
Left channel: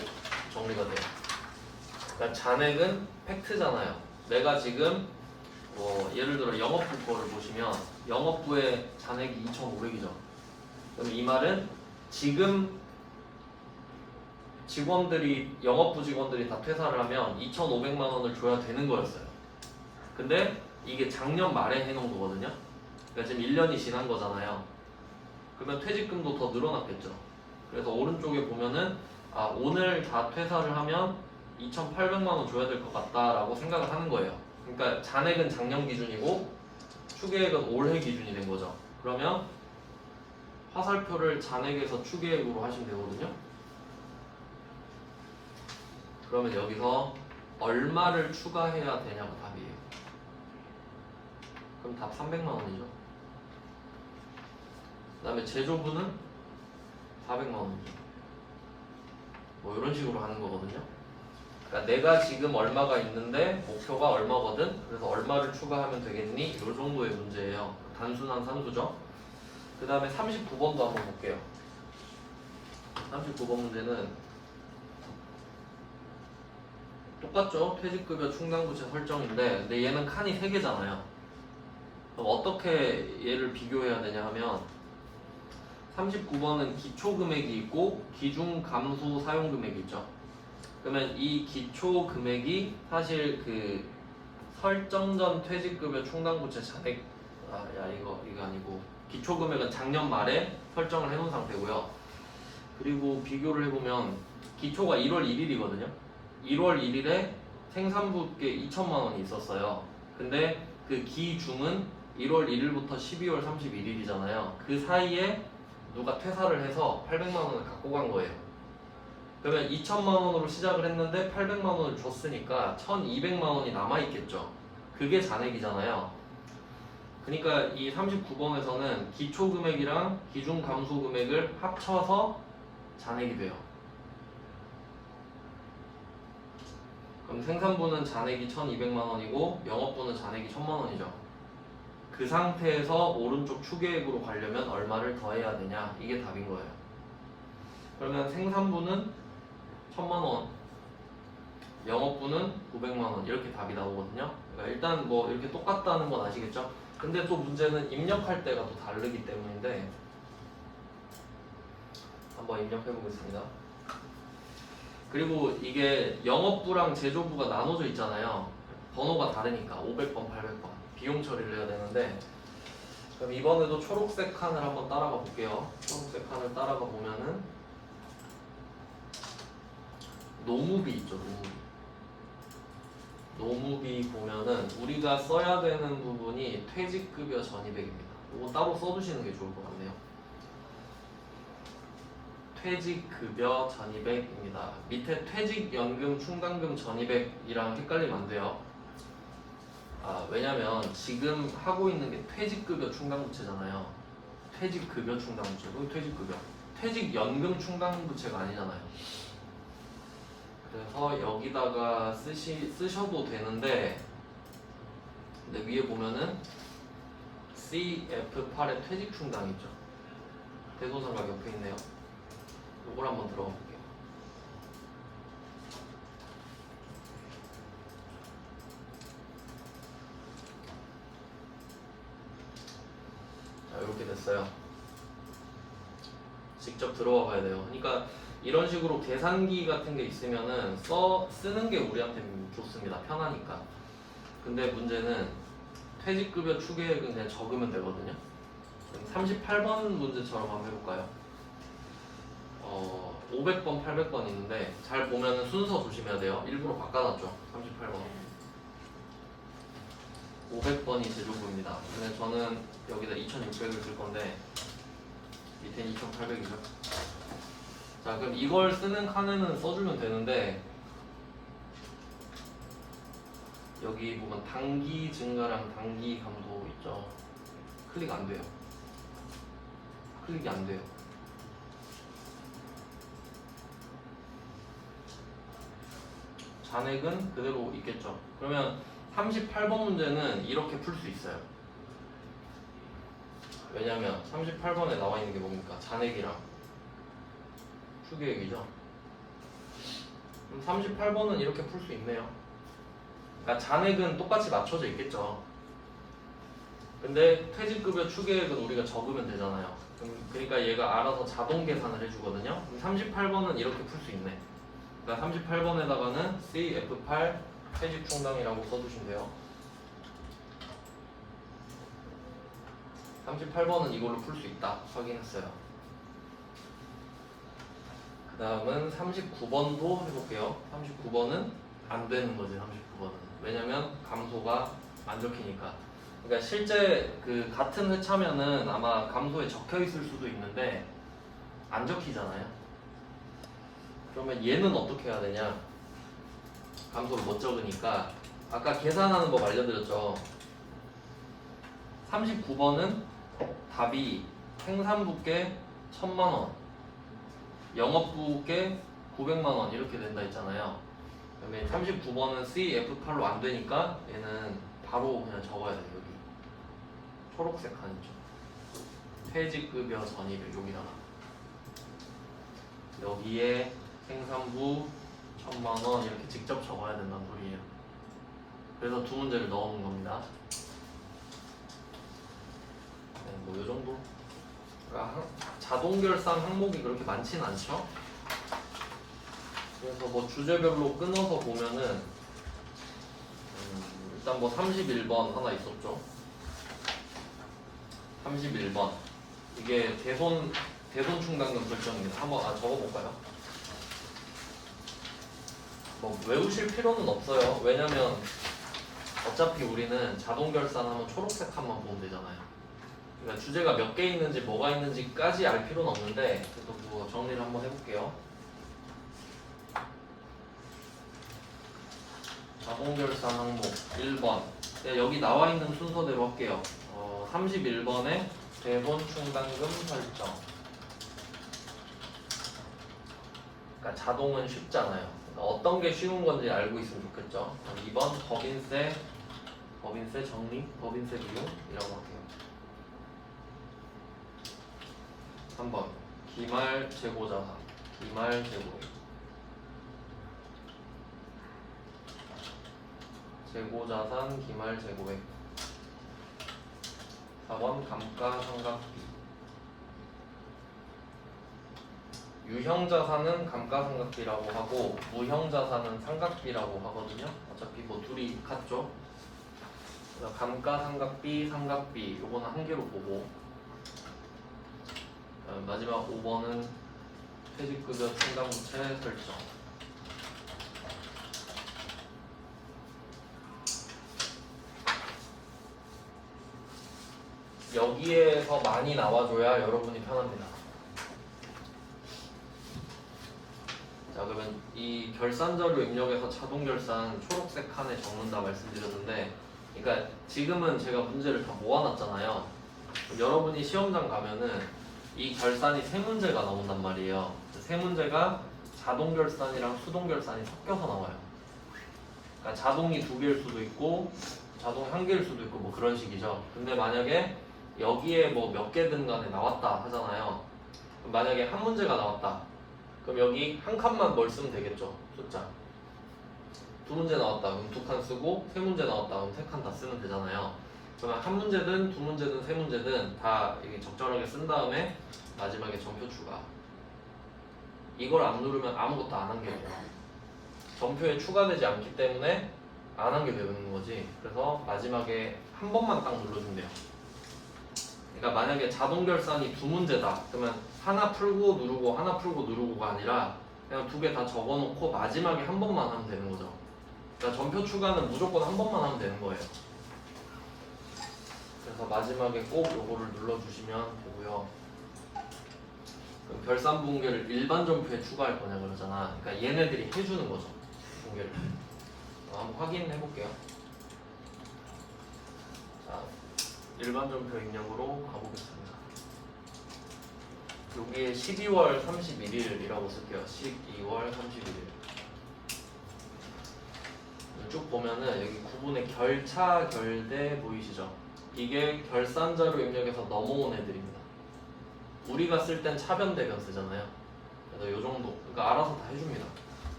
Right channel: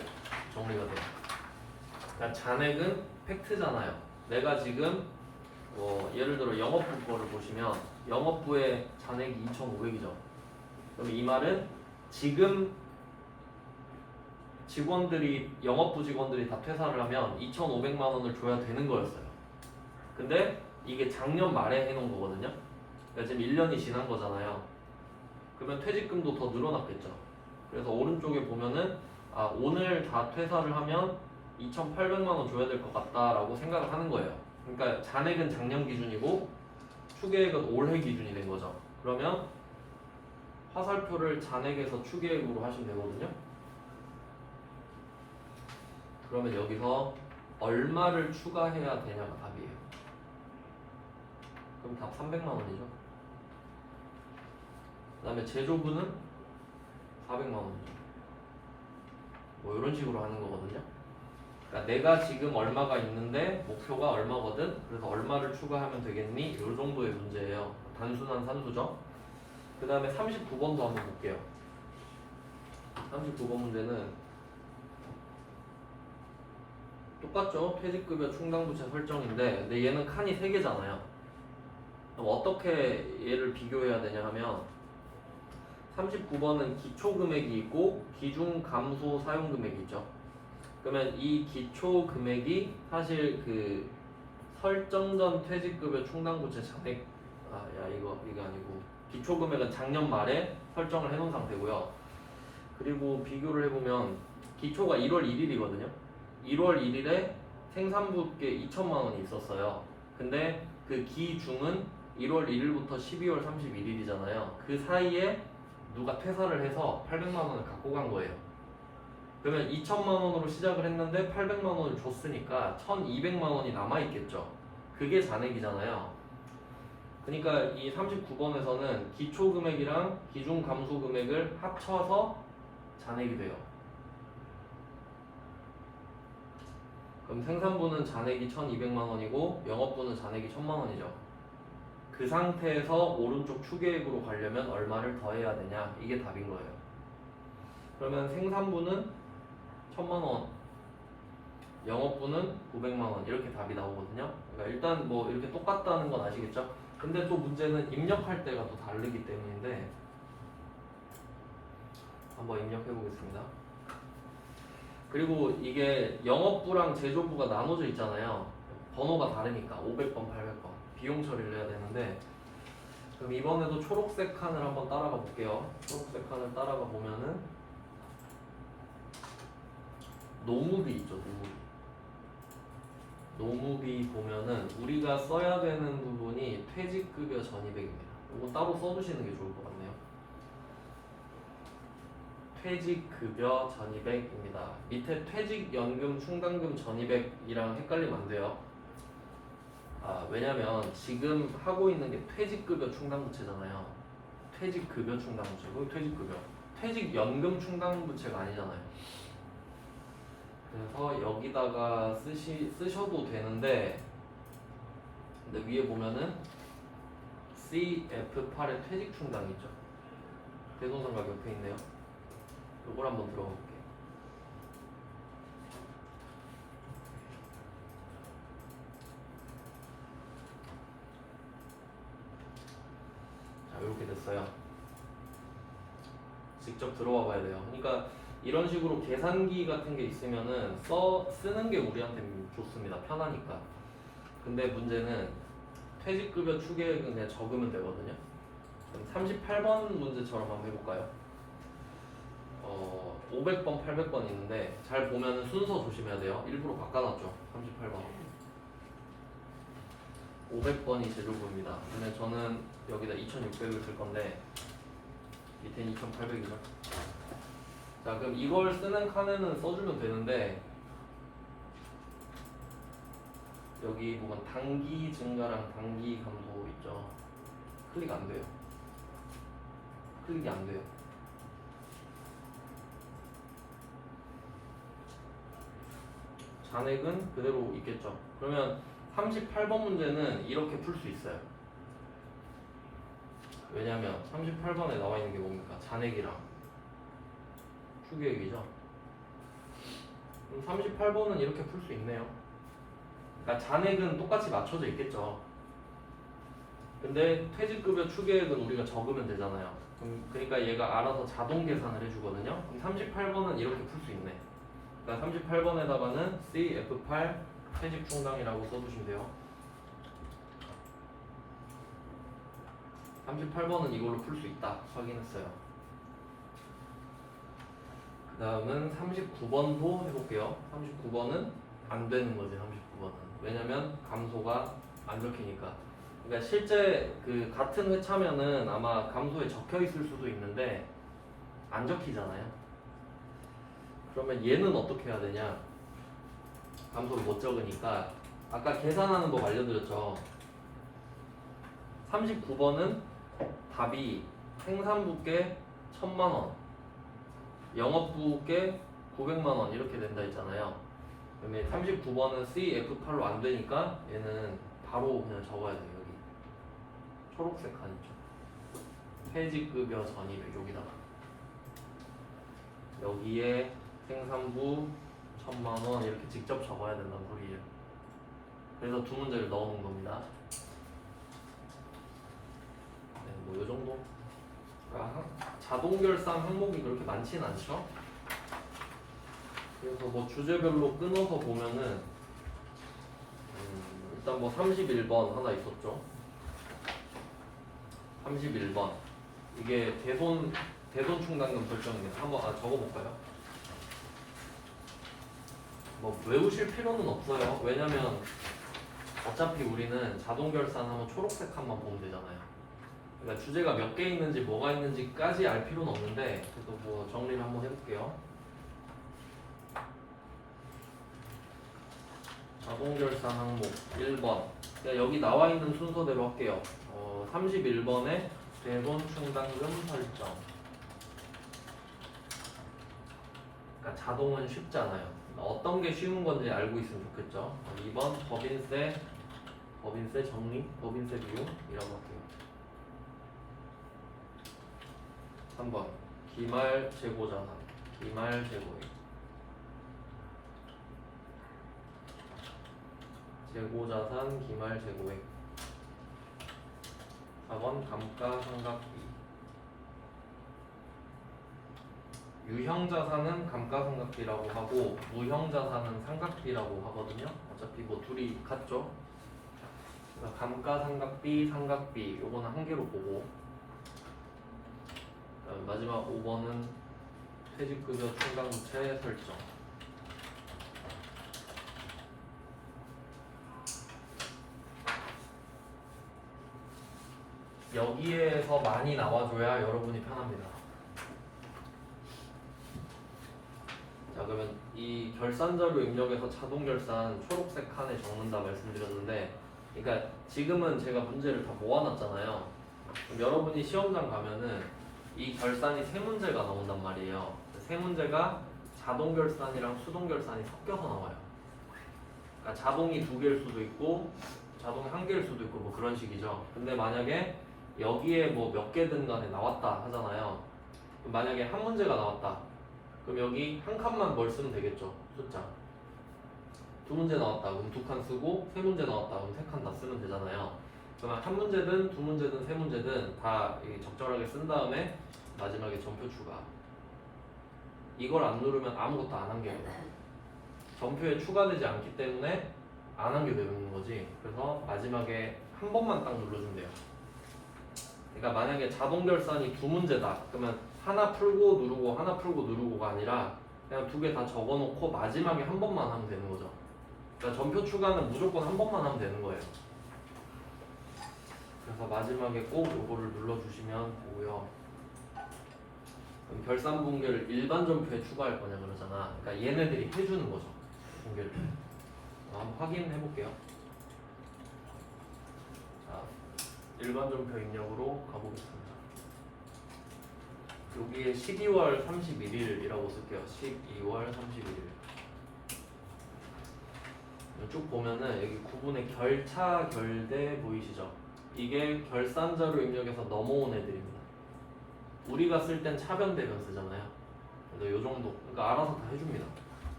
정리가 돼요. 그러니까 잔액은 팩트잖아요. 내가 지금 뭐 예를 들어 영업부 거를 보시면 영업부의 잔액이 2,500이죠. 그럼 이 말은 지금 영업부 직원들이 다 퇴사를 하면 2,500만 원을 줘야 되는 거였어요. 근데 이게 작년 말에 해놓은 거거든요. 그러니까 지금 1년이 지난 거잖아요. 그러면 퇴직금도 더 늘어났겠죠. 그래서 오른쪽에 보면은 오늘 다 퇴사를 하면 2,800만 원 줘야 될 것 같다라고 생각을 하는 거예요. 그러니까 잔액은 작년 기준이고 추계액은 올해 기준이 된 거죠. 그러면 화살표를 잔액에서 추계액으로 하시면 되거든요. 그러면 여기서 얼마를 추가해야 되냐고 답이에요. 그럼 답 300만 원이죠. 그 다음에 제조부는 400만 원이죠. 뭐 이런 식으로 하는 거거든요. 그러니까 내가 지금 얼마가 있는데 목표가 얼마거든. 그래서 얼마를 추가하면 되겠니? 이 정도의 문제예요. 단순한 함수죠. 그 다음에 39번도 한번 볼게요. 39번 문제는 똑같죠? 퇴직급여 충당부채 설정인데 근데 얘는 칸이 3개잖아요. 그럼 어떻게 얘를 비교해야 되냐 하면 39번은 기초금액이 있고 기준감소 사용금액이 있죠. 그러면 이 기초금액이 사실 그 설정 전 퇴직급여 충당부채 잔액 이거 아니고 기초금액은 작년 말에 설정을 해놓은 상태고요. 그리고 비교를 해보면 기초가 1월 1일이거든요. 1월 1일에 생산부께 2천만 원이 있었어요. 근데 그 기중은 1월 1일부터 12월 31일이잖아요. 그 사이에 누가 퇴사를 해서 800만 원을 갖고 간 거예요. 그러면 2천만 원으로 시작을 했는데 800만 원을 줬으니까 1,200만 원이 남아있겠죠. 그게 잔액이잖아요. 그러니까 이 39번에서는 기초금액이랑 기준감소금액을 합쳐서 잔액이 돼요. 그럼 생산부는 잔액이 1,200만 원이고 영업부는 잔액이 1,000만 원이죠. 그 상태에서 오른쪽 추계액으로 가려면 얼마를 더해야 되냐? 이게 답인 거예요. 그러면 생산부는 1,000만 원, 영업부는 900만 원 이렇게 답이 나오거든요. 그러니까 일단 뭐 이렇게 똑같다는 건 아시겠죠? 근데 또 문제는 입력할 때가 또 다르기 때문인데 한번 입력해 보겠습니다. 그리고 이게 영업부랑 제조부가 나눠져 있잖아요. 번호가 다르니까 500번, 800번 비용 처리를 해야 되는데 그럼 이번에도 초록색 칸을 한번 따라가 볼게요. 초록색 칸을 따라가 보면은 노무비 있죠. 노무비 보면은 우리가 써야 되는 부분이 퇴직급여 전입액입니다. 이거 따로 써두시는 게 좋을 것 같네요. 퇴직급여 전입액입니다. 밑에 퇴직연금 충당금 전입액이랑 헷갈리면 안 돼요. 왜냐면 지금 하고 있는 게 퇴직급여 충당부채잖아요. 퇴직급여 충당부채고 퇴직급여. 퇴직연금 충당부채가 아니잖아요. 그래서 여기다가 쓰셔도 되는데 근데 위에 보면은 CF8의 퇴직충당 있죠. 대손상각 옆에 있네요. 이걸 한번 들어가 볼게요. 자, 이렇게 됐어요. 직접 들어와 봐야 돼요. 그러니까 이런 식으로 계산기 같은 게 있으면은 쓰는 게 우리한테 좋습니다. 편하니까. 근데 문제는 퇴직급여 추계액은 그냥 적으면 되거든요. 38번 문제처럼 한번 해볼까요? 500번, 800번 있는데 잘 보면은 순서 조심해야 돼요. 일부러 바꿔놨죠. 38번. 500번이 제조부입니다. 근데 저는 여기다 2600을 쓸 건데 밑에는 2800이죠. 자, 그럼 이걸 쓰는 칸에는 써주면 되는데 여기 보면 단기 증가랑 단기 감소 있죠. 클릭 안 돼요. 클릭이 안 돼요. 잔액은 그대로 있겠죠. 그러면 38번 문제는 이렇게 풀 수 있어요. 왜냐면 38번에 나와 있는 게 뭡니까? 잔액이랑 추계획이죠. 그럼 38번은 이렇게 풀 수 있네요. 그러니까 잔액은 똑같이 맞춰져 있겠죠. 근데 퇴직급여 추계액은 우리가 적으면 되잖아요. 그러니까 얘가 알아서 자동 계산을 해주거든요. 그럼 38번은 이렇게 풀 수 있네. 그러니까 38번에다가는 CF8 퇴직 충당이라고 써주시면 돼요. 38번은 이걸로 풀 수 있다. 확인했어요. 그 다음은 39번도 해볼게요. 39번은 안 되는 거지. 39번은 왜냐면 감소가 안 적히니까. 그러니까 실제 그 같은 회차면은 아마 감소에 적혀 있을 수도 있는데 안 적히잖아요. 그러면 얘는 어떻게 해야 되냐? 감소를 못 적으니까 아까 계산하는 법 알려드렸죠. 39번은 답이 생산부께 1000만원, 영업부께 900만원 이렇게 된다 했잖아요. 그러면 39번은 CF8로 안 되니까 얘는 바로 그냥 적어야 돼요. 여기 초록색 칸 있죠. 퇴직급여 전입 여기다가 여기에 생산부 1000만원 이렇게 직접 적어야 된다는 소리예요. 그래서 두 문제를 넣어놓은 겁니다. 뭐 이 정도. 그러니까 자동 결산 항목이 그렇게 많지는 않죠. 그래서 뭐 주제별로 끊어서 보면은 일단 뭐 31번 하나 있었죠. 31번 이게 대손 충당금 결정입니다. 한번 적어볼까요? 뭐 외우실 필요는 없어요. 왜냐면 어차피 우리는 자동 결산하면 초록색 칸만 보면 되잖아요. 그러니까 주제가 몇 개 있는지 뭐가 있는지까지 알 필요는 없는데 그래도 뭐 정리를 한번 해볼게요. 자동 결산 항목 1번 여기 나와 있는 순서대로 할게요. 31번에 대손 충당금 설정. 그러니까 자동은 쉽잖아요. 어떤 게 쉬운 건지 알고 있으면 좋겠죠. 2번 법인세 정리, 법인세 비율이라고 할게요. 3번 기말 재고자산, 기말 재고액. 재고자산, 기말 재고액. 4번 감가상각비. 유형자산은 감가상각비라고 하고 무형자산은 상각비라고 하거든요. 어차피 뭐 둘이 같죠. 그래서 감가상각비, 상각비 요거는 한 개로 보고 마지막 5번은 퇴직급여 충당부채 설정. 여기에서 많이 나와줘야 여러분이 편합니다. 자, 그러면 이 결산자료 입력에서 자동결산 초록색 칸에 적는다 말씀드렸는데, 그러니까 지금은 제가 문제를 다 모아놨잖아요. 그럼 여러분이 시험장 가면은 이 결산이 세 문제가 나온단 말이에요. 세 문제가 자동결산이랑 수동결산이 섞여서 나와요. 그러니까 자동이 두 개일 수도 있고 자동이 한 개일 수도 있고 뭐 그런 식이죠. 근데 만약에 여기에 뭐 몇 개든 간에 나왔다 하잖아요. 그럼 만약에 한 문제가 나왔다. 그럼 여기 한 칸만 뭘 쓰면 되겠죠. 숫자. 두 문제 나왔다. 그럼 두 칸 쓰고 세 문제 나왔다. 그럼 세 칸 다 쓰면 되잖아요. 그러면 한 문제든 두 문제든 세 문제든 다 적절하게 쓴 다음에 마지막에 점표 추가. 이걸 안 누르면 아무것도 안 한 게 돼요. 점표에 추가되지 않기 때문에 안 한 게 되는 거지. 그래서 마지막에 한 번만 딱 눌러주면 돼요. 그러니까 만약에 자동 결산이 두 문제다. 그러면 하나 풀고 누르고 하나 풀고 누르고가 아니라 그냥 두 개 다 적어놓고 마지막에 한 번만 하면 되는 거죠. 그러니까 점표 추가는 무조건 한 번만 하면 되는 거예요. 그래서 마지막에 꼭 요거를 눌러주시면 되고요. 그럼 결산 붕괴를 일반 점표에 추가할 거냐 그러잖아. 그러니까 얘네들이 해주는 거죠. 붕괴를. 한번 확인해 볼게요. 자, 일반전표 입력으로 가보겠습니다. 여기에 12월 31일이라고 쓸게요. 12월 31일. 쭉 보면은 여기 구분에 결차, 결대 보이시죠? 이게 결산자료 입력에서 넘어온 애들입니다. 우리가 쓸 땐 차변 대변 쓰잖아요. 그래서 요 정도, 그러니까 알아서 다 해줍니다.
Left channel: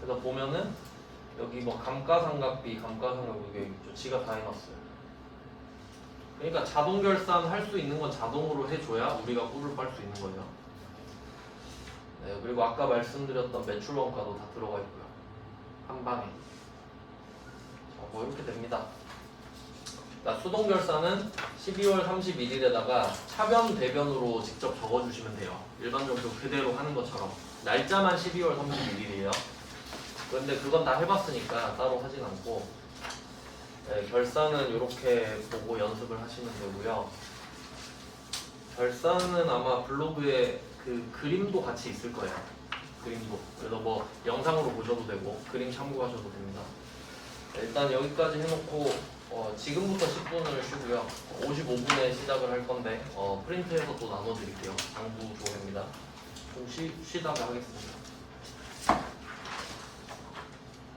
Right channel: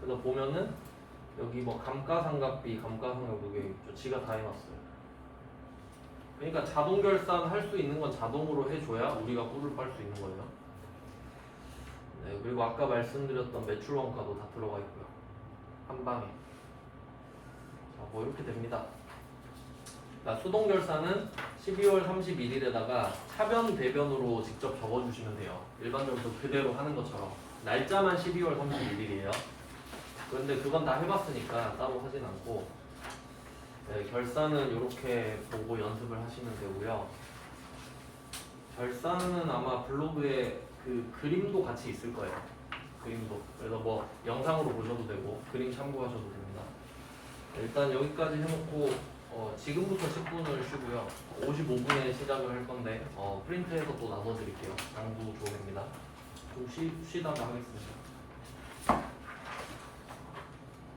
그래서 보면은 여기 뭐 감가상각비, 감가상각비 여기 있죠. 지가 다 해놨어요. 그러니까 자동 결산 할 수 있는 건 자동으로 해줘야 우리가 꿀을 빨 수 있는 거예요. 네, 그리고 아까 말씀드렸던 매출 원가도 다 들어가 있고요. 한 방에. 뭐 이렇게 됩니다. 그러니까 수동 결산은 12월 31일에다가 차변 대변으로 직접 적어주시면 돼요. 일반적으로 그대로 하는 것처럼 날짜만 12월 31일이에요. 그런데 그건 다 해봤으니까 따로 하진 않고 네, 결산은 이렇게 보고 연습을 하시면 되고요. 결산은 아마 블로그에 그 그림도 같이 있을 거예요. 그림도. 그래서 뭐 영상으로 보셔도 되고 그림 참고하셔도 됩니다. 일단 여기까지 해놓고 지금부터 10분을 쉬고요. 55분에 시작을 할 건데 프린트해서 또 나눠드릴게요. 장부 조회입니다. 좀 쉬다가 하겠습니다.